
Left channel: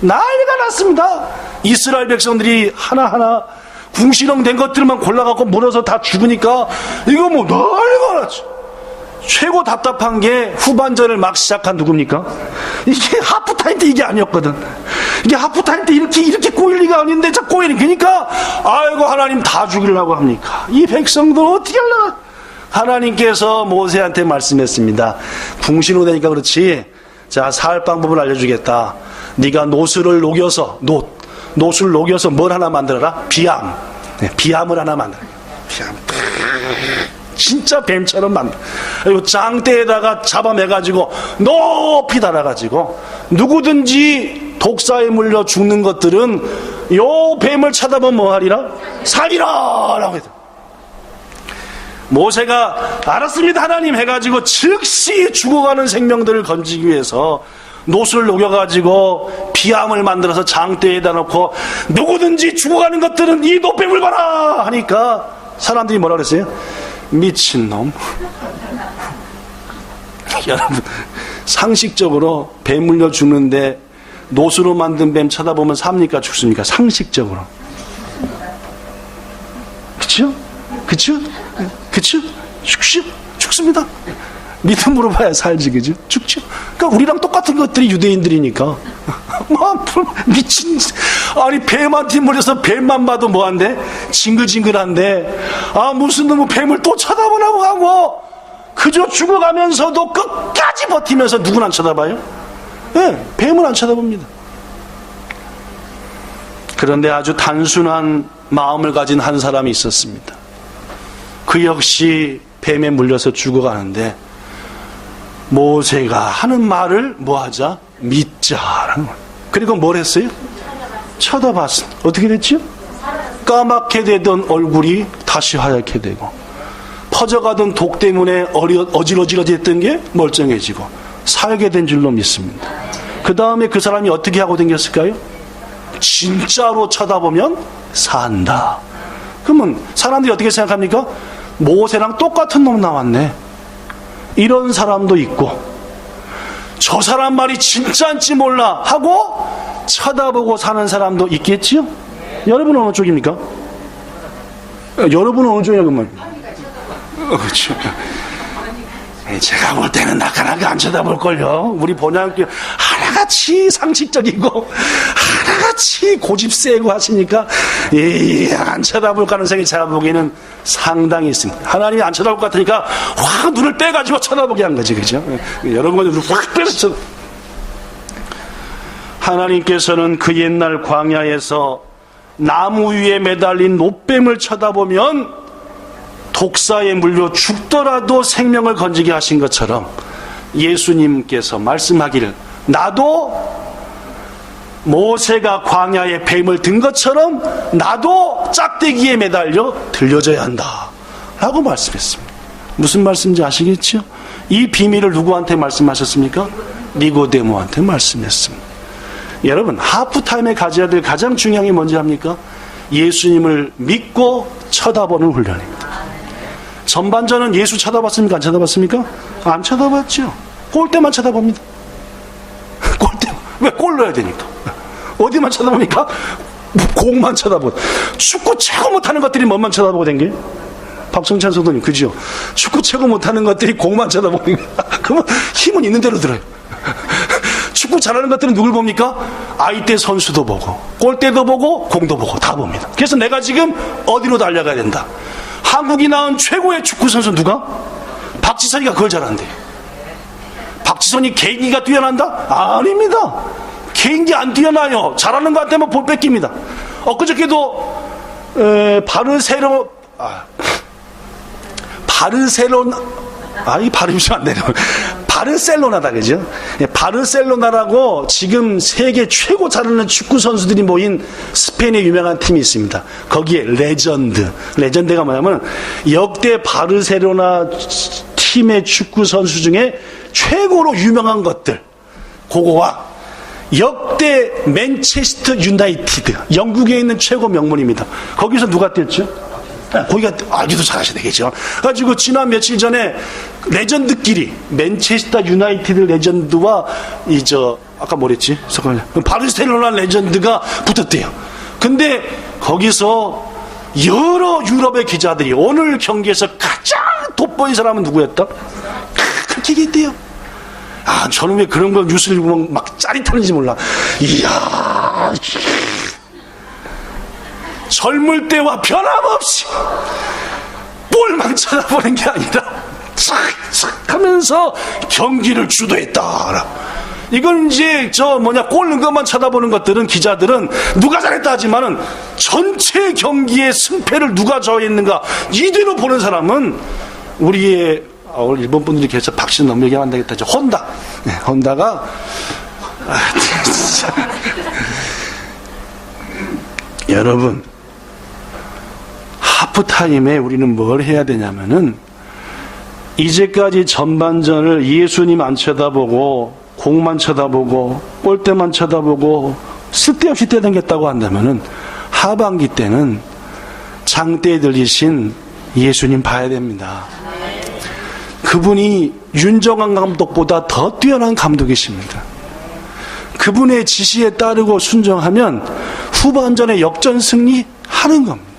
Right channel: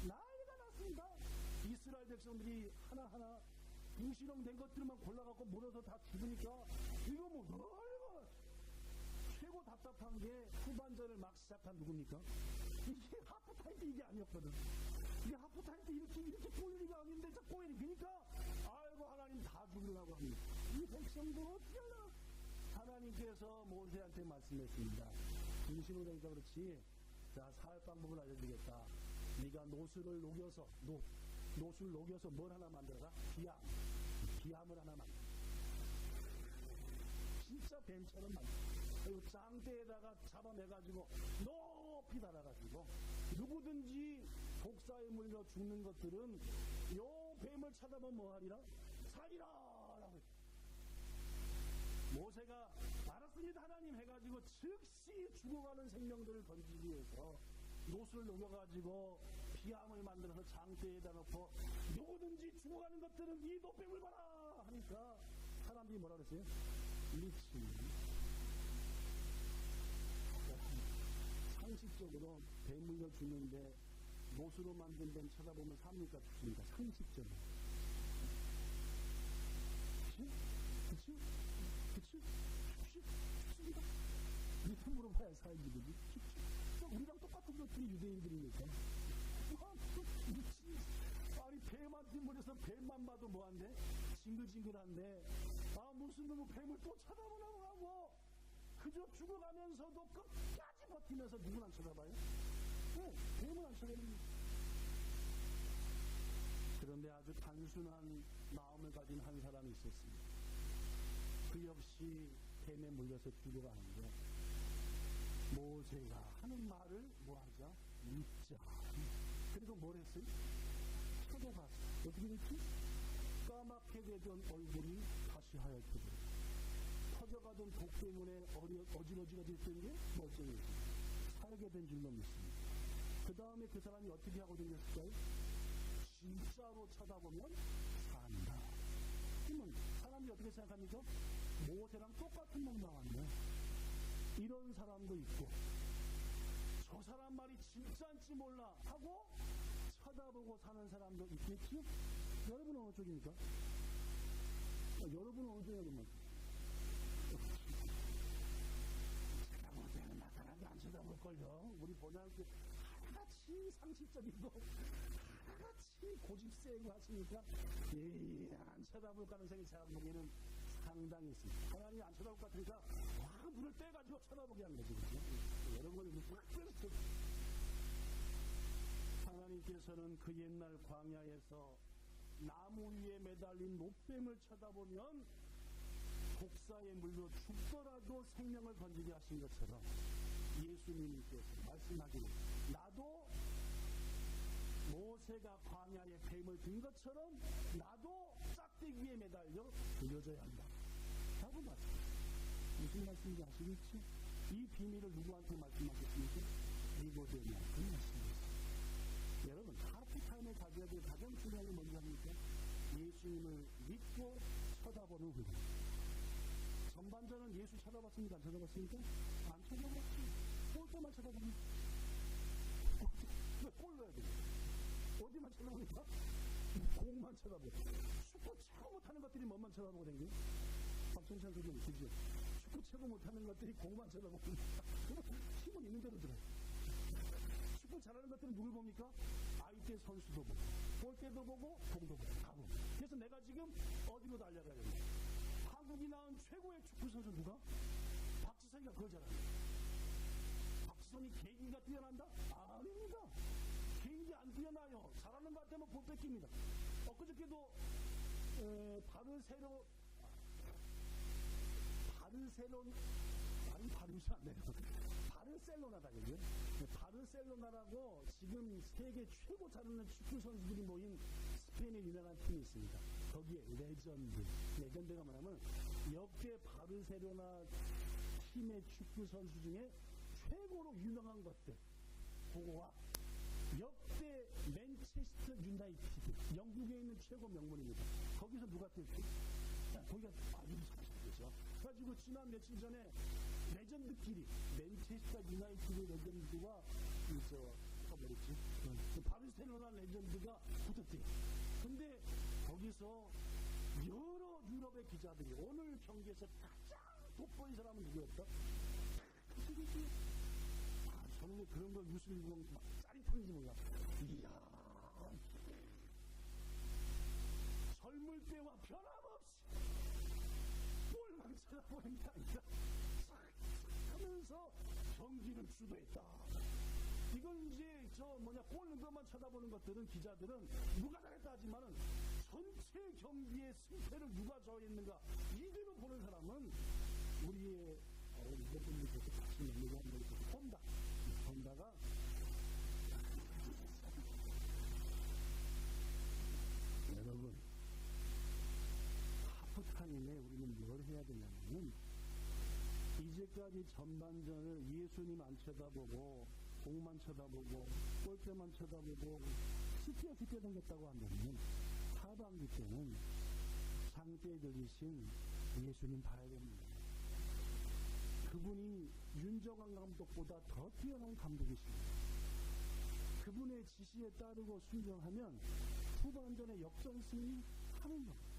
난리가 났습니다. 이스라엘 백성들이 하나하나 궁시렁 된 것들만 골라갖고 물어서 다 죽으니까 이거 뭐 난리가 났죠. 최고 답답한 게 후반전을 막 시작한 누굽니까? 이게 하프타임 때 이게 아니었거든. 이게 하프타임 때 이렇게 꼬일 리가 아닌데 자 꼬이는 그러니까 아이고 하나님 다 죽이려고 합니까? 이 백성들 어떻게 하려나? 하나님께서 모세한테 말씀했습니다. 궁시렁 되니까 그렇지. 자, 살 방법을 알려주겠다. 네가 노수를 녹여서 노수를 녹여서 뭘 하나 만들어라? 비암. 비암을 하나 만들어. 비암. 진짜 뱀처럼 만들어. 그리고 장대에다가 잡아매가지고 높이 달아가지고 누구든지 독사에 물려 죽는 것들은 요 뱀을 쳐다보면 뭐하리라? 살리라! 라고 했다. 모세가 알았습니다 하나님 해가지고 즉시 죽어가는 생명들을 건지기 위해서 노수를 녹여가지고 비암을 만들어서 장대에다 놓고 누구든지 죽어가는 것들은 이 노뱀을 봐라 하니까 사람들이 뭐라 그랬어요? 미친놈. 여러분 상식적으로 뱀 물려 죽는데 노수로 만든 뱀 쳐다보면 삽니까 죽습니까? 상식적으로. 그쵸? 죽습니다. 믿음으로 봐야 살지, 그죠? 죽죠. 그러니까 우리랑 똑같은 것들이 유대인들이니까. 미친. 아니, 뱀한테 물려서 뱀만 봐도 뭐한데? 징글징글한데. 무슨 놈의 뱀을 또 쳐다보라고 하고, 그저 죽어가면서도 끝까지 버티면서 누구는 안 쳐다봐요? 뱀은 안 쳐다봅니다. 그런데 아주 단순한 마음을 가진 한 사람이 있었습니다. 그 역시 뱀에 물려서 죽어가는데 모세가 하는 말을 뭐하자? 믿자라는 거예요. 그리고 뭘 했어요? 쳐다봤습니다. 어떻게 됐죠? 까맣게 되던 얼굴이 다시 하얗게 되고 퍼져가던 독 때문에 어지러지했던 게 멀쩡해지고 살게 된 줄로 믿습니다. 그 다음에 그 사람이 어떻게 하고 댕겼을까요? 진짜로 쳐다보면 산다. 그러면 사람들이 어떻게 생각합니까? 모세랑 똑같은 놈 나왔네. 이런 사람도 있고 저 사람 말이 진짜인지 몰라 하고 쳐다보고 사는 사람도 있겠지요? 여러분은 어느 쪽입니까? 여러분은 어느 쪽이냐, 그만. 그렇죠. 제가 볼 때는 나가나가 안 쳐다볼걸요. 우리 본향교 하나같이 상식적이고 하나같이 고집 세고 하시니까 안 쳐다볼 가능성이 제가 보기에는 상당히 있습니다. 하나님이 안 쳐다볼 것 같으니까 확 눈을 빼가지고 쳐다보게 한 거지, 그죠? 여러분은 눈을 확 빼서 쳐다. 하나님께서는 그 옛날 광야에서 나무 위에 매달린 노뱀을 쳐다보면 독사에 물려 죽더라도 생명을 건지게 하신 것처럼 예수님께서 말씀하기를 나도 모세가 광야에 뱀을 든 것처럼 나도 짝대기에 매달려 들려져야 한다 라고 말씀했습니다. 무슨 말씀인지 아시겠죠? 이 비밀을 누구한테 말씀하셨습니까? 니고데모한테 말씀했습니다. 여러분, 하프타임에 가져야 될 가장 중요한 게 뭔지 압니까? 예수님을 믿고 쳐다보는 훈련입니다. 전반전은 예수 쳐다봤습니까? 안 쳐다봤습니까? 안 쳐다봤죠. 골대만 쳐다봅니다. 골대. 왜 골 넣어야 되니까? 어디만 쳐다보니까? 공만 쳐다보고. 축구 최고 못하는 것들이 뭐만 쳐다보고 된 게? 박성찬 선생님, 그죠? 축구 최고 못하는 것들이 공만 쳐다보는 거야. 그러면 힘은 있는 대로 들어요. 축구 잘하는 것들은 누굴 봅니까? 아이때 선수도 보고, 골대도 보고, 공도 보고, 다 봅니다. 그래서 내가 지금 어디로 달려가야 된다. 한국이 낳은 최고의 축구 선수 누가? 박지선이가 그걸 잘한대요. 박지선이 개인기가 뛰어난다? 아닙니다. 개인기 안 뛰어나요. 잘하는 것 같으면 볼 뺏깁니다. 엊그저께도 이 발음이 좀 안 되네. 바르셀로나다, 그죠? 바르셀로나라고 지금 세계 최고 잘하는 축구 선수들이 모인 스페인의 유명한 팀이 있습니다. 거기에 레전드가 뭐냐면 역대 바르셀로나 팀의 축구 선수 중에 최고로 유명한 것들, 그거와 역대 맨체스터 유나이티드, 영국에 있는 최고 명문입니다. 거기서 누가 뛰었죠? 거기가 알기도 잘하셔야 되겠죠. 가지고 지난 며칠 전에 레전드끼리 맨체스터 유나이티드 레전드와 아까 뭐랬지? 잠깐만요. 바르셀로나 레전드가 붙었대요. 근데 거기서 여러 유럽의 기자들이 오늘 경기에서 가장 돋보인 사람은 누구였다? 그렇게 얘기했대요. 저는 왜 그런 걸 뉴스를 보면 막 짜릿한지 몰라. 이야. 젊을 때와 변함없이 볼만 쳐다보는 게 아니라 착착 하면서 경기를 주도했다. 이건 이제 골 넣은 것만 쳐다보는 것들은 기자들은 누가 잘했다 하지만은 전체 경기의 승패를 누가 좌우했는가 이대로 보는 사람은 우리의 오늘 일본 분들이 계셔서 박씨는 너무 얘기하면 안 되겠다. 혼다. 네, 혼다가 여러분, 하프타임에 우리는 뭘 해야 되냐면은 이제까지 전반전을 예수님 안 쳐다보고 공만 쳐다보고 골대만 쳐다보고 쓸데없이 뛰어다녔다고 한다면은 하반기 때는 장대에 들리신 예수님 봐야 됩니다. 그분이 윤정한 감독보다 더 뛰어난 감독이십니다. 그분의 지시에 따르고 순종하면 후반전에 역전 승리하는 겁니다.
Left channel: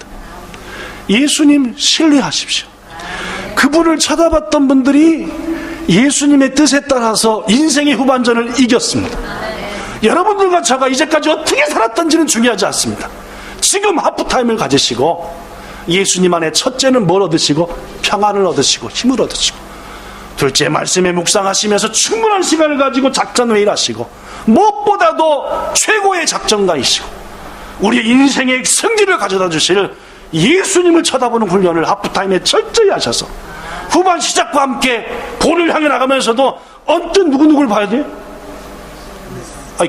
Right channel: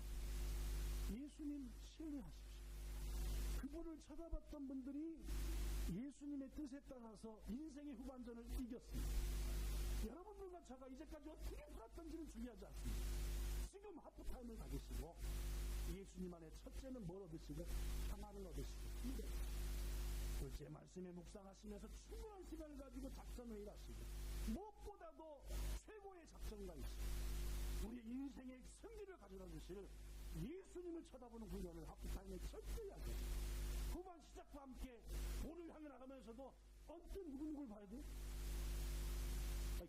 예수님 신뢰하십시오. 그분을 쳐다봤던 분들이 예수님의 뜻에 따라서 인생의 후반전을 이겼습니다. 여러분들과 제가 이제까지 어떻게 살았던지는 중요하지 않습니다. 지금 하프타임을 가지시고 예수님 안에 첫째는 뭘 얻으시고 평안을 얻으시고 힘을 얻으시고, 둘째 말씀에 묵상하시면서 충분한 시간을 가지고 작전회의를 하시고, 무엇보다도 최고의 작전가이시고 우리의 인생의 승리를 가져다 주실 예수님을 쳐다보는 훈련을 하프타임에 철저히 하셔서 후반 시작과 함께 볼을 향해 나가면서도 언뜻 누구누구를 봐야 돼요?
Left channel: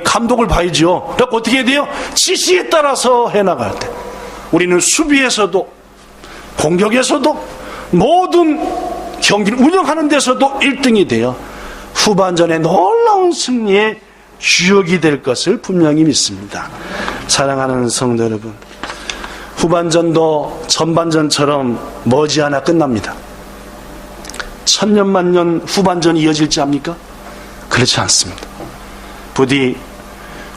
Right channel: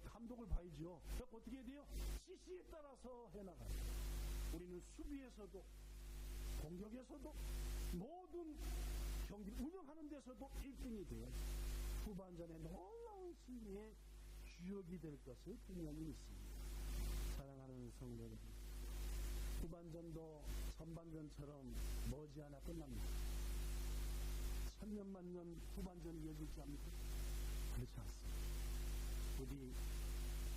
감독을 봐야죠. 그러니까 어떻게 해야 돼요? 지시에 따라서 해나갈 때 우리는 수비에서도 공격에서도 모든 경기를 운영하는 데서도 1등이 돼요. 후반전에 놀라운 승리의 주역이 될 것을 분명히 믿습니다. 사랑하는 성도 여러분, 후반전도 전반전처럼 머지않아 끝납니다. 천년만년 후반전이 이어질지 압니까? 그렇지 않습니다. 부디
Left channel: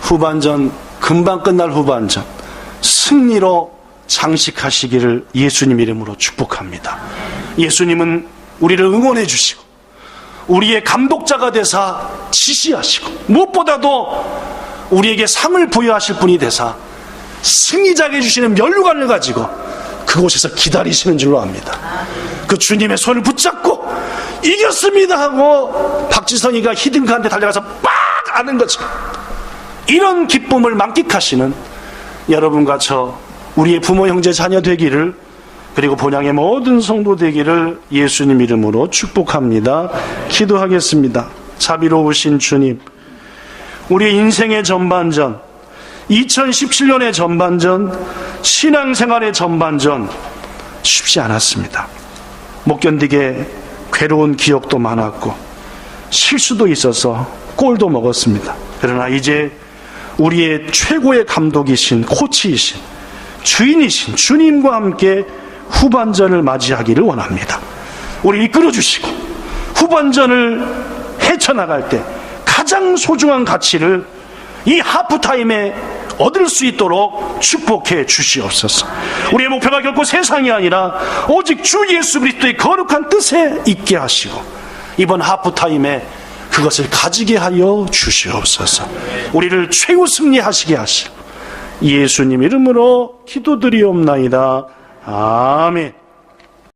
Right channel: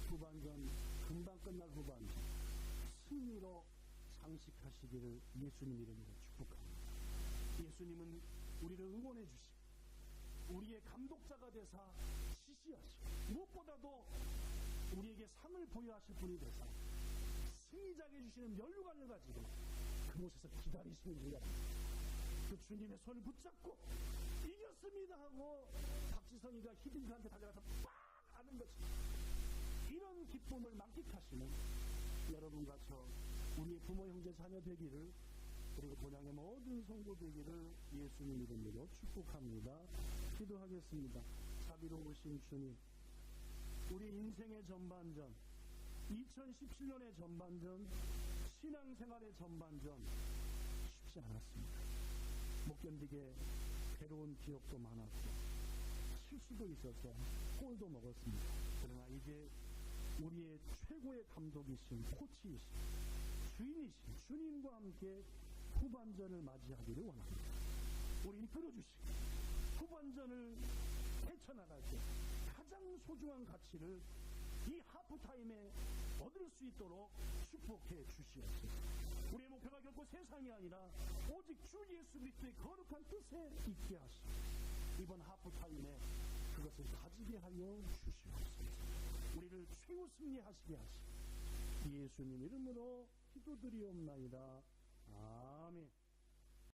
후반전, 금방 끝날 후반전 승리로 장식하시기를 예수님 이름으로 축복합니다. 예수님은 우리를 응원해 주시고 우리의 감독자가 되사 지시하시고 무엇보다도 우리에게 상을 부여하실 분이 되사 승리자게 해주시는 면류관을 가지고 그곳에서 기다리시는 줄로 압니다. 그 주님의 손을 붙잡고 이겼습니다 하고 박지성이가 히딩크한테 달려가서 빡 안은 것처럼 이런 기쁨을 만끽하시는 여러분과 저 우리의 부모 형제 자녀 되기를, 그리고 본향의 모든 성도 되기를 예수님 이름으로 축복합니다. 기도하겠습니다. 자비로우신 주님, 우리 인생의 전반전, 2017년의 전반전, 신앙생활의 전반전 쉽지 않았습니다. 못 견디게 괴로운 기억도 많았고 실수도 있어서 골도 먹었습니다. 그러나 이제 우리의 최고의 감독이신 코치이신 주인이신 주님과 함께 후반전을 맞이하기를 원합니다. 우리 이끌어 주시고 후반전을 헤쳐나갈 때 가장 소중한 가치를 이 하프타임에 얻을 수 있도록 축복해 주시옵소서. 우리의 목표가 결코 세상이 아니라 오직 주 예수 그리스도의 거룩한 뜻에 있게 하시고 이번 하프타임에 그것을 가지게 하여 주시옵소서. 우리를 최후 승리하시게 하시고 예수님 이름으로 기도드리옵나이다. 아멘.